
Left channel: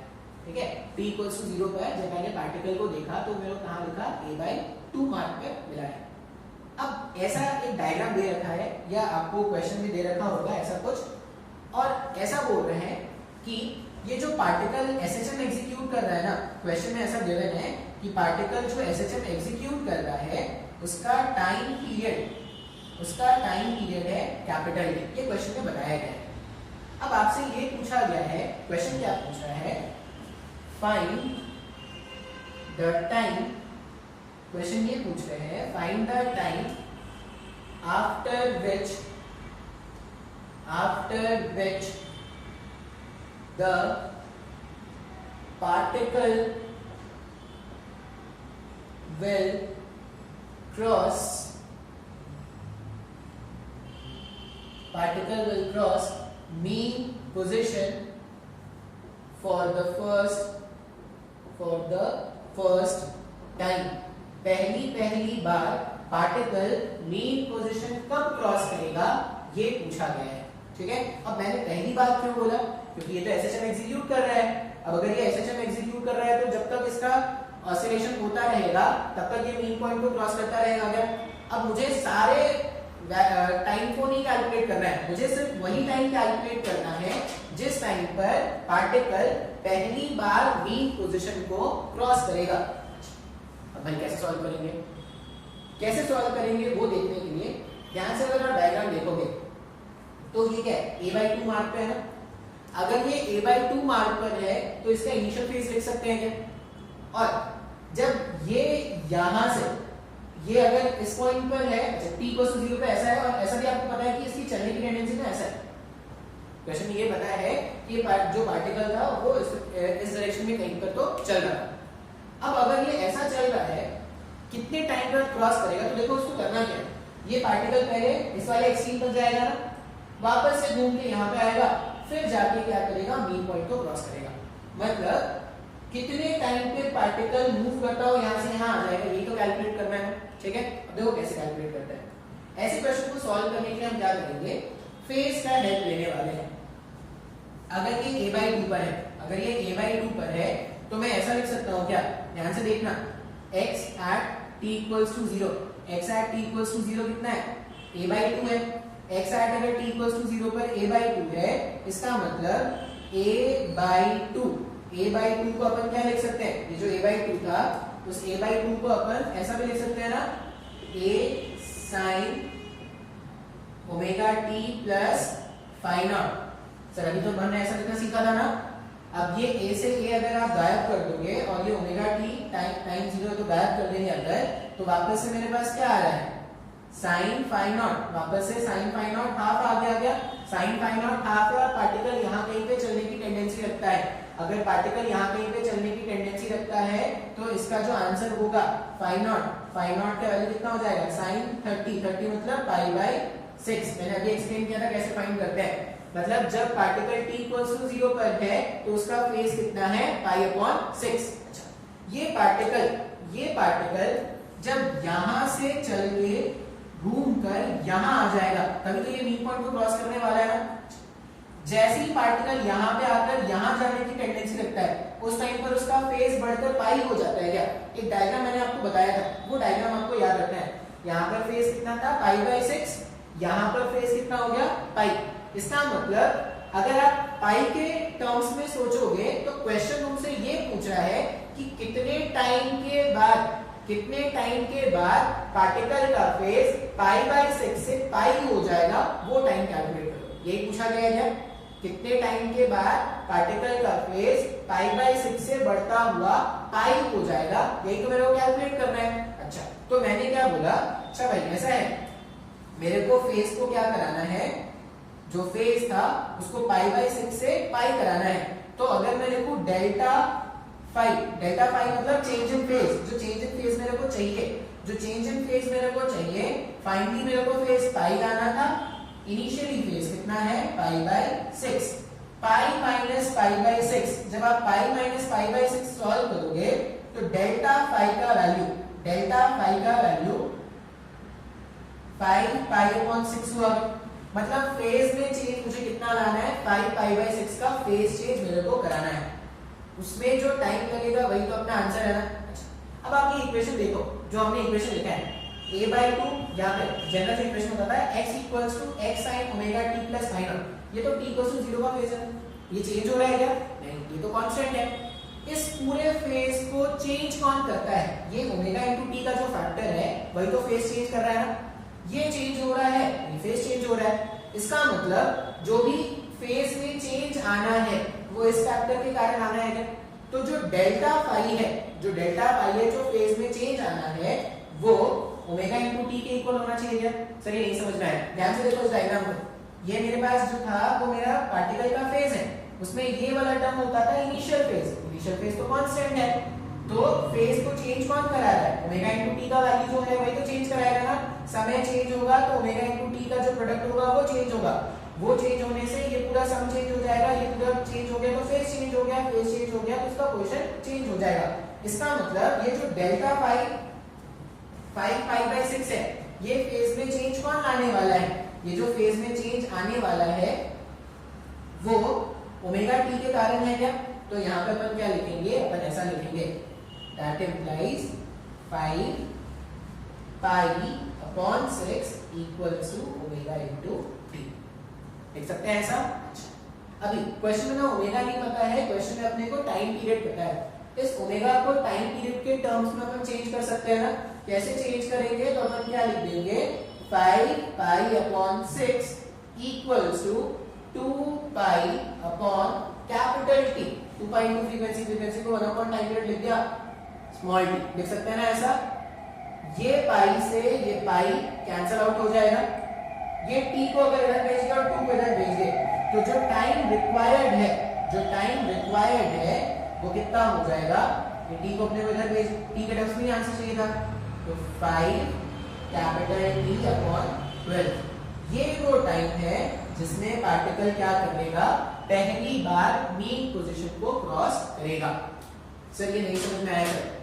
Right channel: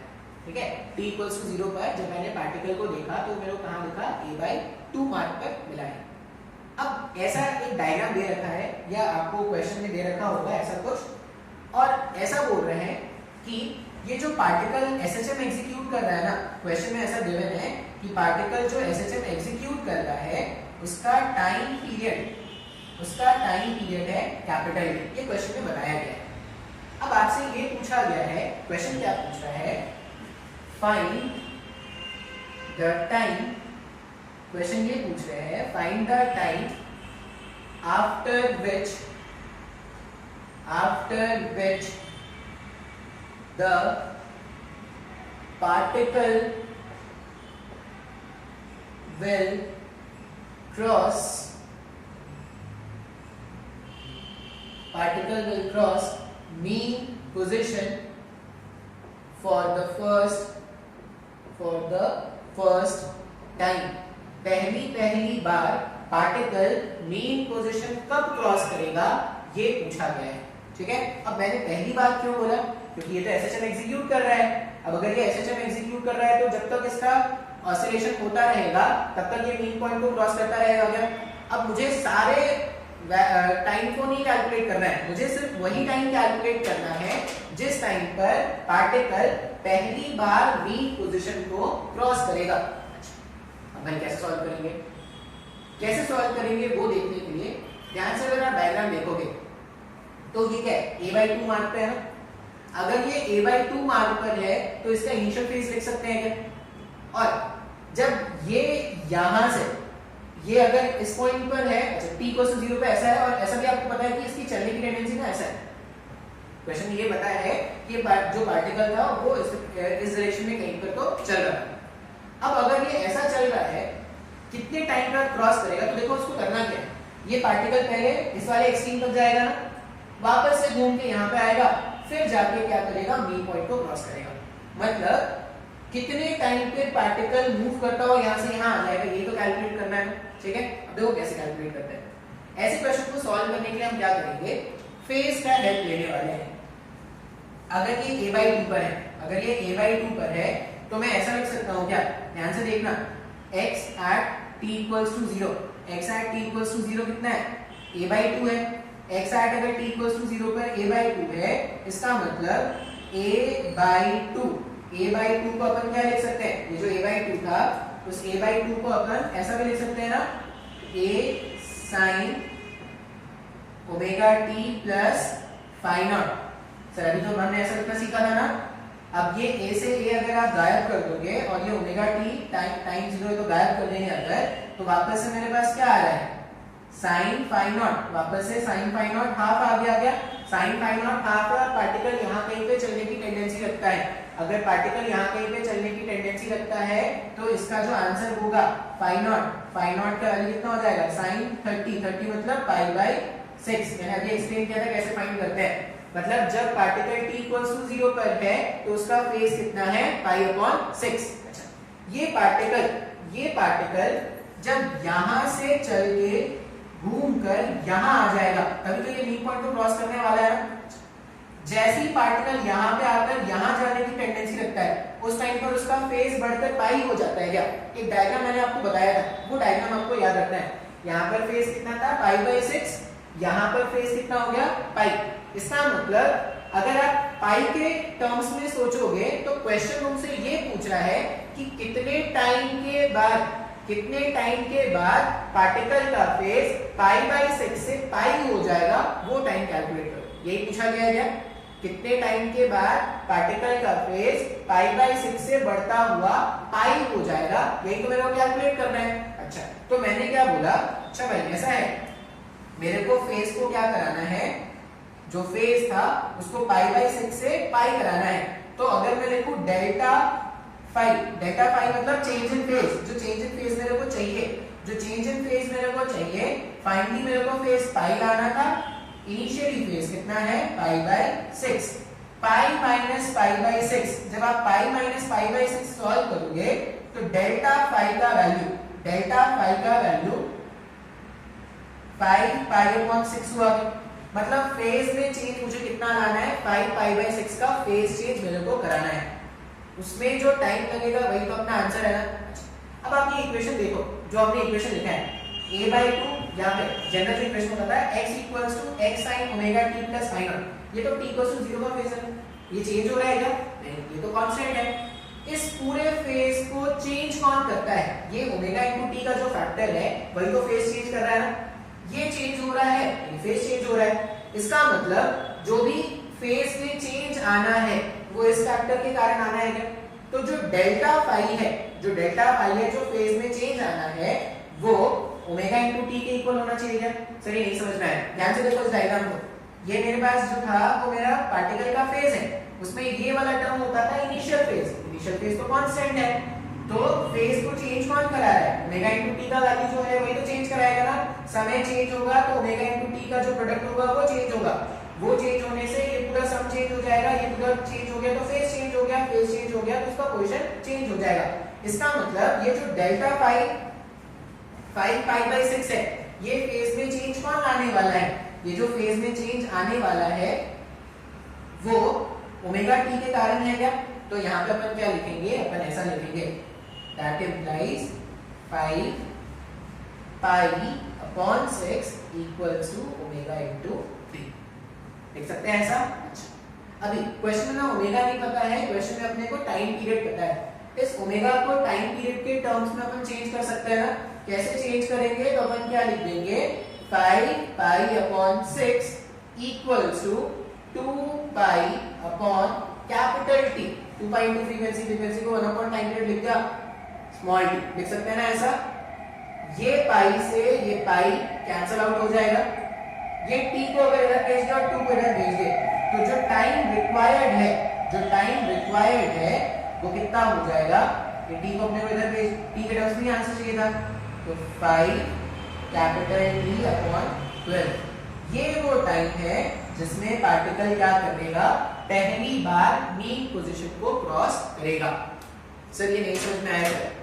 ठीक है, t इक्वल्स टू 0 पर जब मैंने पार्टिकल को देखा तो मेरे को कहां लिखा, a/2 मार्क पर मिला है। अब ऐसा एक डायग्राम दे रखा है या आपको क्वेश्चन में दे रखा होगा ऐसा कुछ, और ऐसा बोल रहे हैं कि ये जो पार्टिकल SHM एग्जीक्यूट कर रहा है ना, क्वेश्चन में ऐसा गिवन है कि पार्टिकल जो SHM एग्जीक्यूट कर रहा है उसका टाइम पीरियड है कैपिटल T। ये क्वेश्चन में बताया गया है। अब आपसे ये पूछा गया है, क्वेश्चन क्या पूछ रहा है, फाइंड द टाइम, क्वेश्चन ये पूछ रहे हैं find the time after which the particle will cross mean position for the first time। पहली बार पार्टिकल मीन पोजीशन कब क्रॉस करेगा ये पूछा गया है। ठीक है, अब मैंने पहली बार क्यों बोला, क्योंकि ये तो SHM एग्जीक्यूट कर रहा है। अब अगर ये SHM एग्जीक्यूट कर रहा है तो जब तक इसका ऑसिलेशन होता रहेगा तब तक ये मीन पॉइंट को क्रॉस करता रहेगा। अगर अब मुझे सारे टाइम को नहीं कैलकुलेट करना है, मुझे सिर्फ वही टाइम कैलकुलेट करना है जिस टाइम पर पार्टिकल पहली बार मीन पोजीशन को क्रॉस करेगा। अब हम कैसे सॉल्व करेंगे वो देखने के लिए ध्यान से अगर आप डायग्राम देखोगे तो ये क्या है, a/2 मार्क पे है ना। अगर ये a/2 मार्क पर है तो इसका इनिशियल फेज लिख सकते हैं क्या? और जब ये यहां से ये अगर इस पॉइंट पर है, अच्छा t = 0 पे ऐसा है, और ऐसा भी आपको पता है कि इसकी चलने की टेंडेंसी ना ऐसा है। क्वेश्चन में ये बताया है कि जो पार्टिकल था वो इस डायरेक्शन में कहीं पर तो चल रहा था। अब अगर ये ऐसा चल रहा है, कितने टाइम बाद क्रॉस करेगा? तो देखो उसको करना क्या है, ये पार्टिकल पहले इस वाले एक्सट्रीम तक जाएगा ना, वापस से घूम के यहाँ पे आएगा, फिर जाके क्या करेगा, मेन पॉइंट को क्रॉस करेगा। मतलब कितने टाइम पे पार्टिकल मूव करता हो यहां से यहां आ जाएगा, यही तो कैलकुलेट करना है। ठीक है, अब देखो कैसे कैलकुलेट करते हैं। ऐसे क्वेश्चन को सॉल्व करने के लिए हम क्या करेंगे, फेज का हेल्प लेने वाले हैं। अगर ये a/2 पर है, अगर ये a/2 पर है तो मैं ऐसा लिख सकता हूं क्या, ध्यान से देखना, x at t = 0, x at t = 0 कितना है, a/2 है। x at अगर t = 0 पर a/2 है, इसका मतलब a/2 को अपन क्या लिख सकते हैं, ये जो a/2 था उस a/2 को अपन ऐसा भी लिख सकते हैं ना, a sin omega t plus phi naught. Sir अभी तो हमने ऐसा लिखना सीखा था ना। अब ये a से a अगर आप गायब कर दोगे और ये ओमेगा t टाइम 0 तो गायब कर देंगे अगर, तो वापस से मेरे पास क्या आ रहा है, साइन फाइ नॉट, वापस से साइन फाइ नॉट हाफ आ गया। साइन फाइ नॉट हाफ है, पार्टिकल यहाँ कहीं पे चलने की टेंडेंसी रखता है। अगर पार्टिकल यहाँ कहीं पे चलने की टेंडेंसी रखता है तो इसका जो आंसर होगा फाइ नॉट का वैल्यू कितना हो जाएगा, साइन 30 मतलब π/6। मैंने अभी एक्सप्लेन किया था कैसे फाइंड करते हैं। मतलब जब पार्टिकल t = 0 पर है तो उसका फेज कितना है, π/6। अच्छा, ये पार्टिकल जब यहां से चल के घूमकर यहां आ जाएगा, तभी तो ये मेन पॉइंट को क्रॉस करने वाला है ना। जैसे ही पार्टिकल यहां पे आकर यहां जाने की टेंडेंसी रखता है, उस टाइम पर उसका फेज बढ़कर पाई हो जाता है क्या। एक डायग्राम मैंने आपको बताया था, वो डायग्राम आपको याद रखना है। यहाँ पर फेज कितना था, π/6, यहाँ पर फेज कितना हो गया, पाई। इसका मतलब अगर आप पाई के टर्म्स में सोचोगे तो क्वेश्चन तुमसे ये पूछ रहा है कि कितने टाइम के बाद पार्टिकल का फेज π/6 से पाई हो जाएगा, वो टाइम कैलकुलेट करो। यही पूछा गया है, कितने टाइम के बाद पार्टिकल का फेज π/6 से बढ़ता हुआ पाई हो जाएगा, यही तो मेरे को कैलकुलेट करना है। अच्छा, तो मैंने क्या बोला, अच्छा भाई ऐसा है, मेरे को फेज को क्या कराना है, जो फेज था उसको π/6 से पाई कराना है। तो अगर मैं लिखूं डेल्टा फाइ मतलब चेंज इन फेज, जो चेंज इन फेज मेरे को चाहिए, फाइनली मेरे को फेज पाई लाना था, इनिशियली फेज कितना है, π/6, पाई माइनस π/6। जब आप पाई माइनस π/6 सॉल्व करोगे तो डेल्टा फाइ का वैल्यू 5π/6 हुआ। मतलब फेज में चेंज मुझे कितना लाना है, 5π/6 का फेज चेंज मेरे को कराना है। उसमें जो टाइम लगेगा वही तो अपना आंसर है ना। अब आप ये इक्वेशन देखो, जो हमने इक्वेशन लिखा है a/2, यहाँ पे जनरल जो इक्वेशन होता है x = x sin omega t plus phi naught. ये तो t = 0 का फेज है, ये चेंज हो रहा है क्या, नहीं, ये तो कांस्टेंट है। इस पूरे फेज को चेंज कौन करता है, ये ओमेगा * t का जो फैक्टर है वही तो फेज चेंज कर रहा है ना। ये चेंज हो रहा है, ये फेज चेंज हो रहा है। इसका मतलब जो भी फेज में चेंज आना है वो इस फैक्टर के कारण आना है क्या। तो जो डेल्टा फाइ है, जो फेज में चेंज आना है वो ओमेगा * t के इक्वल होना चाहिए क्या। सर ये नहीं समझ में आया, ध्यान से देखो इस डायग्राम को। ये मेरे पास जो था वो मेरा पार्टिकल का फेज है, उसमें ये वाला टर्म होता था इनिशियल फेज तो कांस्टेंट है। तो फेज को चेंज कौन करा रहा है, ओमेगा * t का वैल्यू जो है वही तो चेंज कराएगा ना। समय चेंज होगा तो ओमेगा * t का जो प्रोडक्ट होगा वो चेंज होगा, वो चेंज होने से ये पूरा सम चेंज हो जाएगा, ये पूरा चेंज हो गया तो फेज चेंज हो गया, तो उसका पोजीशन चेंज हो जाएगा। इसका मतलब ये जो डेल्टा फाइ 5π/6 है, ये फेज में चेंज कौन लाने वाला है, ये जो फेज में चेंज आने वाला है वो ओमेगा t के कारण है क्या। तो यहाँ पे अपन क्या लिखेंगे, अपन ऐसा लिखेंगे, that implies 5π/6 equals to omega * t। लिख सकते हैं ऐसा। अच्छा, अभी क्वेश्चन में ना ओमेगा नहीं पता है, क्वेश्चन में अपने को टाइम पीरियड पता है। इस ओमेगा को टाइम पीरियड के टर्म्स में अपन चेंज कर सकते हैं ना। कैसे चेंज करेंगे, तो अपन क्या लिख देंगे, 5π/6 equals to 2 pi upon capital T. 2 pi into frequency, frequency को 1 अपॉन टाइम पीरियड लिख दिया, स्मॉल टी लिख सकते हैं ना ऐसा। ये पाई से ये पाई कैंसिल आउट हो जाएगा, ये टी को अगर इधर भेज दिया और 2 को इधर भेज दे तो जो टाइम रिक्वायर्ड है, जो टाइम रिक्वायर्ड है वो कितना हो जाएगा, ये टी को अपने को इधर भेज, टी के टर्म्स में आंसर चाहिए था, तो 5 कैपिटल टी अपॉन 12। ये वो टाइम है जिसमें पार्टिकल क्या करेगा, पहली बार मीन पोजीशन को क्रॉस करेगा। सर ये नहीं समझ में आया, सर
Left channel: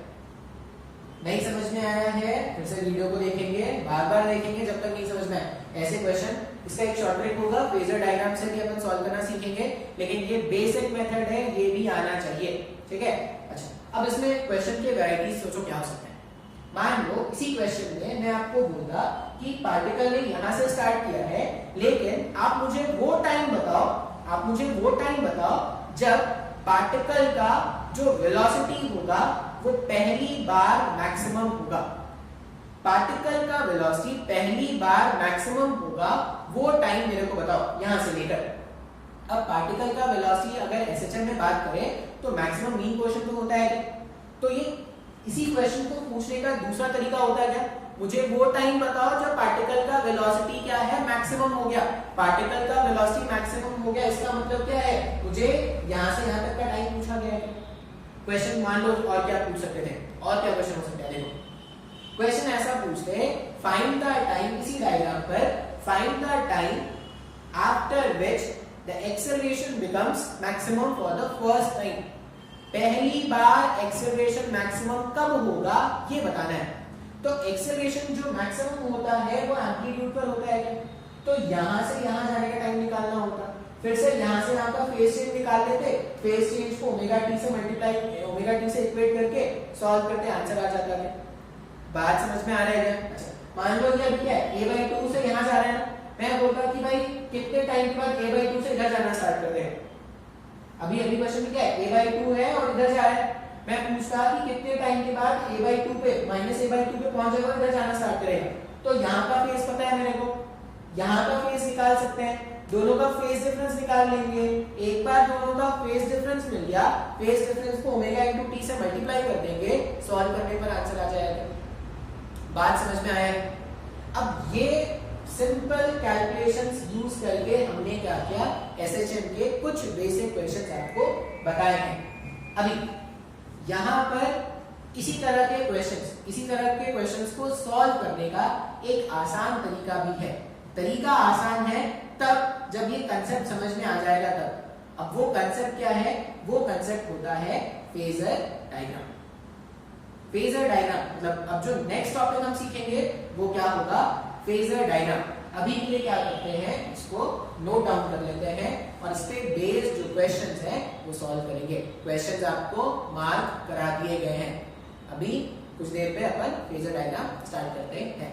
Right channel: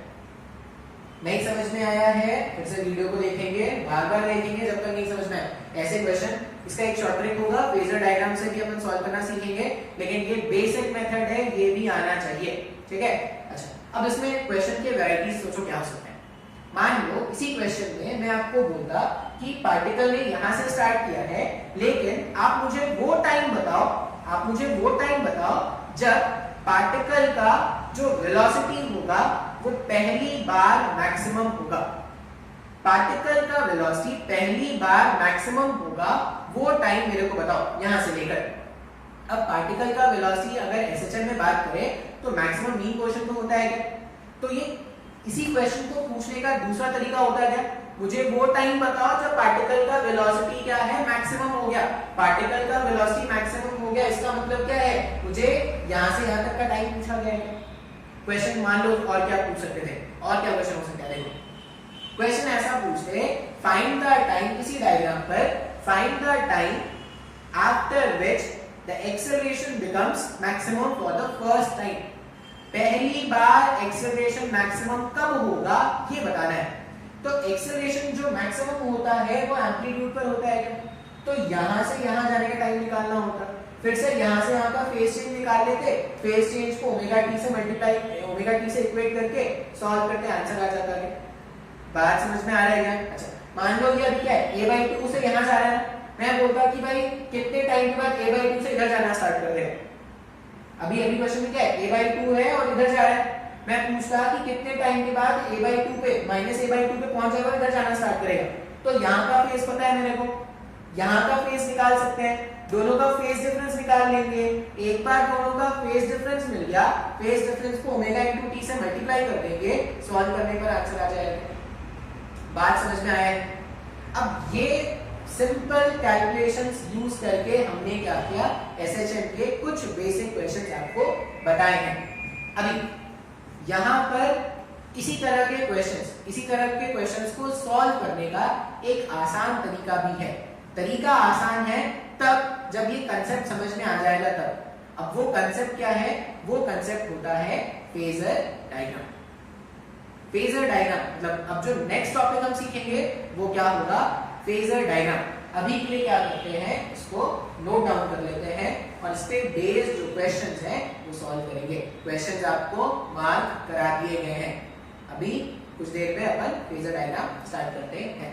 नहीं समझ में आया है, फिर से वीडियो को देखेंगे, बार बार देखेंगे जब तक नहीं समझ में आए। ऐसे क्वेश्चन, इसका एक शॉर्ट ट्रिक होगा, फेजर डायग्राम से भी अपन सॉल्व करना सीखेंगे, लेकिन ये बेसिक मेथड है, ये भी आना चाहिए, ठीक है। अच्छा, अब इसमें क्वेश्चन के वैरायटीज सोचो क्या हो सकते हैं। मान लो इसी क्वेश्चन में मैं आपको बोलता कि पार्टिकल ने यहां से स्टार्ट किया है, लेकिन आप मुझे वो टाइम बताओ, आप मुझे वो टाइम बताओ जब पार्टिकल का जो वेलोसिटी होगा वो पहली बार मैक्सिमम होगा। पार्टिकल का वेलोसिटी पहली बार मैक्सिमम होगा, वो टाइम मेरे को बताओ यहां से लेकर। अब पार्टिकल का वेलोसिटी अगर एसएचएम में बात करें तो मैक्सिमम मीन पोजीशन तो होता है क्या, तो ये इसी क्वेश्चन को पूछने का दूसरा तरीका होता है क्या, मुझे वो टाइम बताओ जब पार्टिकल का वेलोसिटी क्या है, मैक्सिमम हो गया। पार्टिकल का वेलोसिटी मैक्सिमम हो गया, इसका मतलब क्या है, मुझे यहां से यहां तक का टाइम पूछा गया है। क्वेश्चन मान लो और क्या पूछ सकते थे, और क्या क्वेश्चन हो सकता है, देखो क्वेश्चन ऐसा पूछते हैं, फाइंड द टाइम, इसी डायग्राम पर find the time after which the acceleration becomes maximum for the first time. पहली बार एक्सेलरेशन मैक्सिमम कब होगा ये बताना है। तो एक्सेलरेशन जो मैक्सिमम होता है वो एम्पलीट्यूड पर होता है क्या, तो यहां से यहां जाने का टाइम निकालना होता, फिर से यहां से यहां का फेज चेंज निकाल लेते, फेज चेंज को ओमेगा टी से मल्टीप्लाई, ओमेगा टी से इक्वेट करके सॉल्व करके आंसर आ जाता है। बात समझ में आ रहा है क्या। अच्छा, मान लो ये अभी क्या है, a/2 से यहां जा रहा है, मैं बोलता कि भाई कितने टाइम के बाद a/2 से इधर जाना स्टार्ट कर दे। अभी क्वेश्चन में क्या है, a/2 है और इधर जा रहा है, मैं पूछता कि कितने टाइम के बाद a/2 पे -a/2 पे पहुंच जाएगा, इधर जाना स्टार्ट करेगा। तो यहाँ का फेज पता है मेरे को, यहाँ का फेज निकाल सकते हैं, दोनों का फेज डिफरेंस निकाल लेंगे। एक बार दोनों का फेज डिफरेंस मिल गया, फेज डिफरेंस को ओमेगा इंटू टी से मल्टीप्लाई कर देंगे, सॉल्व करने पर आंसर आ जाएगा। बात समझ में आया है। अब ये सिंपल कैलकुलेशंस यूज करके हमने क्या किया, एसएचएम के कुछ बेसिक क्वेश्चंस आपको बताए हैं। अभी यहां पर इसी तरह के क्वेश्चंस को सॉल्व करने का एक आसान तरीका भी है। तरीका आसान है तब जब ये कंसेप्ट समझ में आ जाएगा तब। अब वो कंसेप्ट क्या है, वो कंसेप्ट होता है फेजर डायग्राम। फेजर डायग्राम मतलब अब जो नेक्स्ट टॉपिक हम सीखेंगे वो क्या होगा, फेजर डायग्राम। अभी के लिए क्या करते हैं, इसको नोट डाउन कर लेते हैं और इस पे बेस्ड जो क्वेश्चंस हैं वो सॉल्व करेंगे। क्वेश्चंस आपको मार्क करा दिए गए हैं। अभी कुछ देर में अपन फेजर डायग्राम स्टार्ट करते हैं।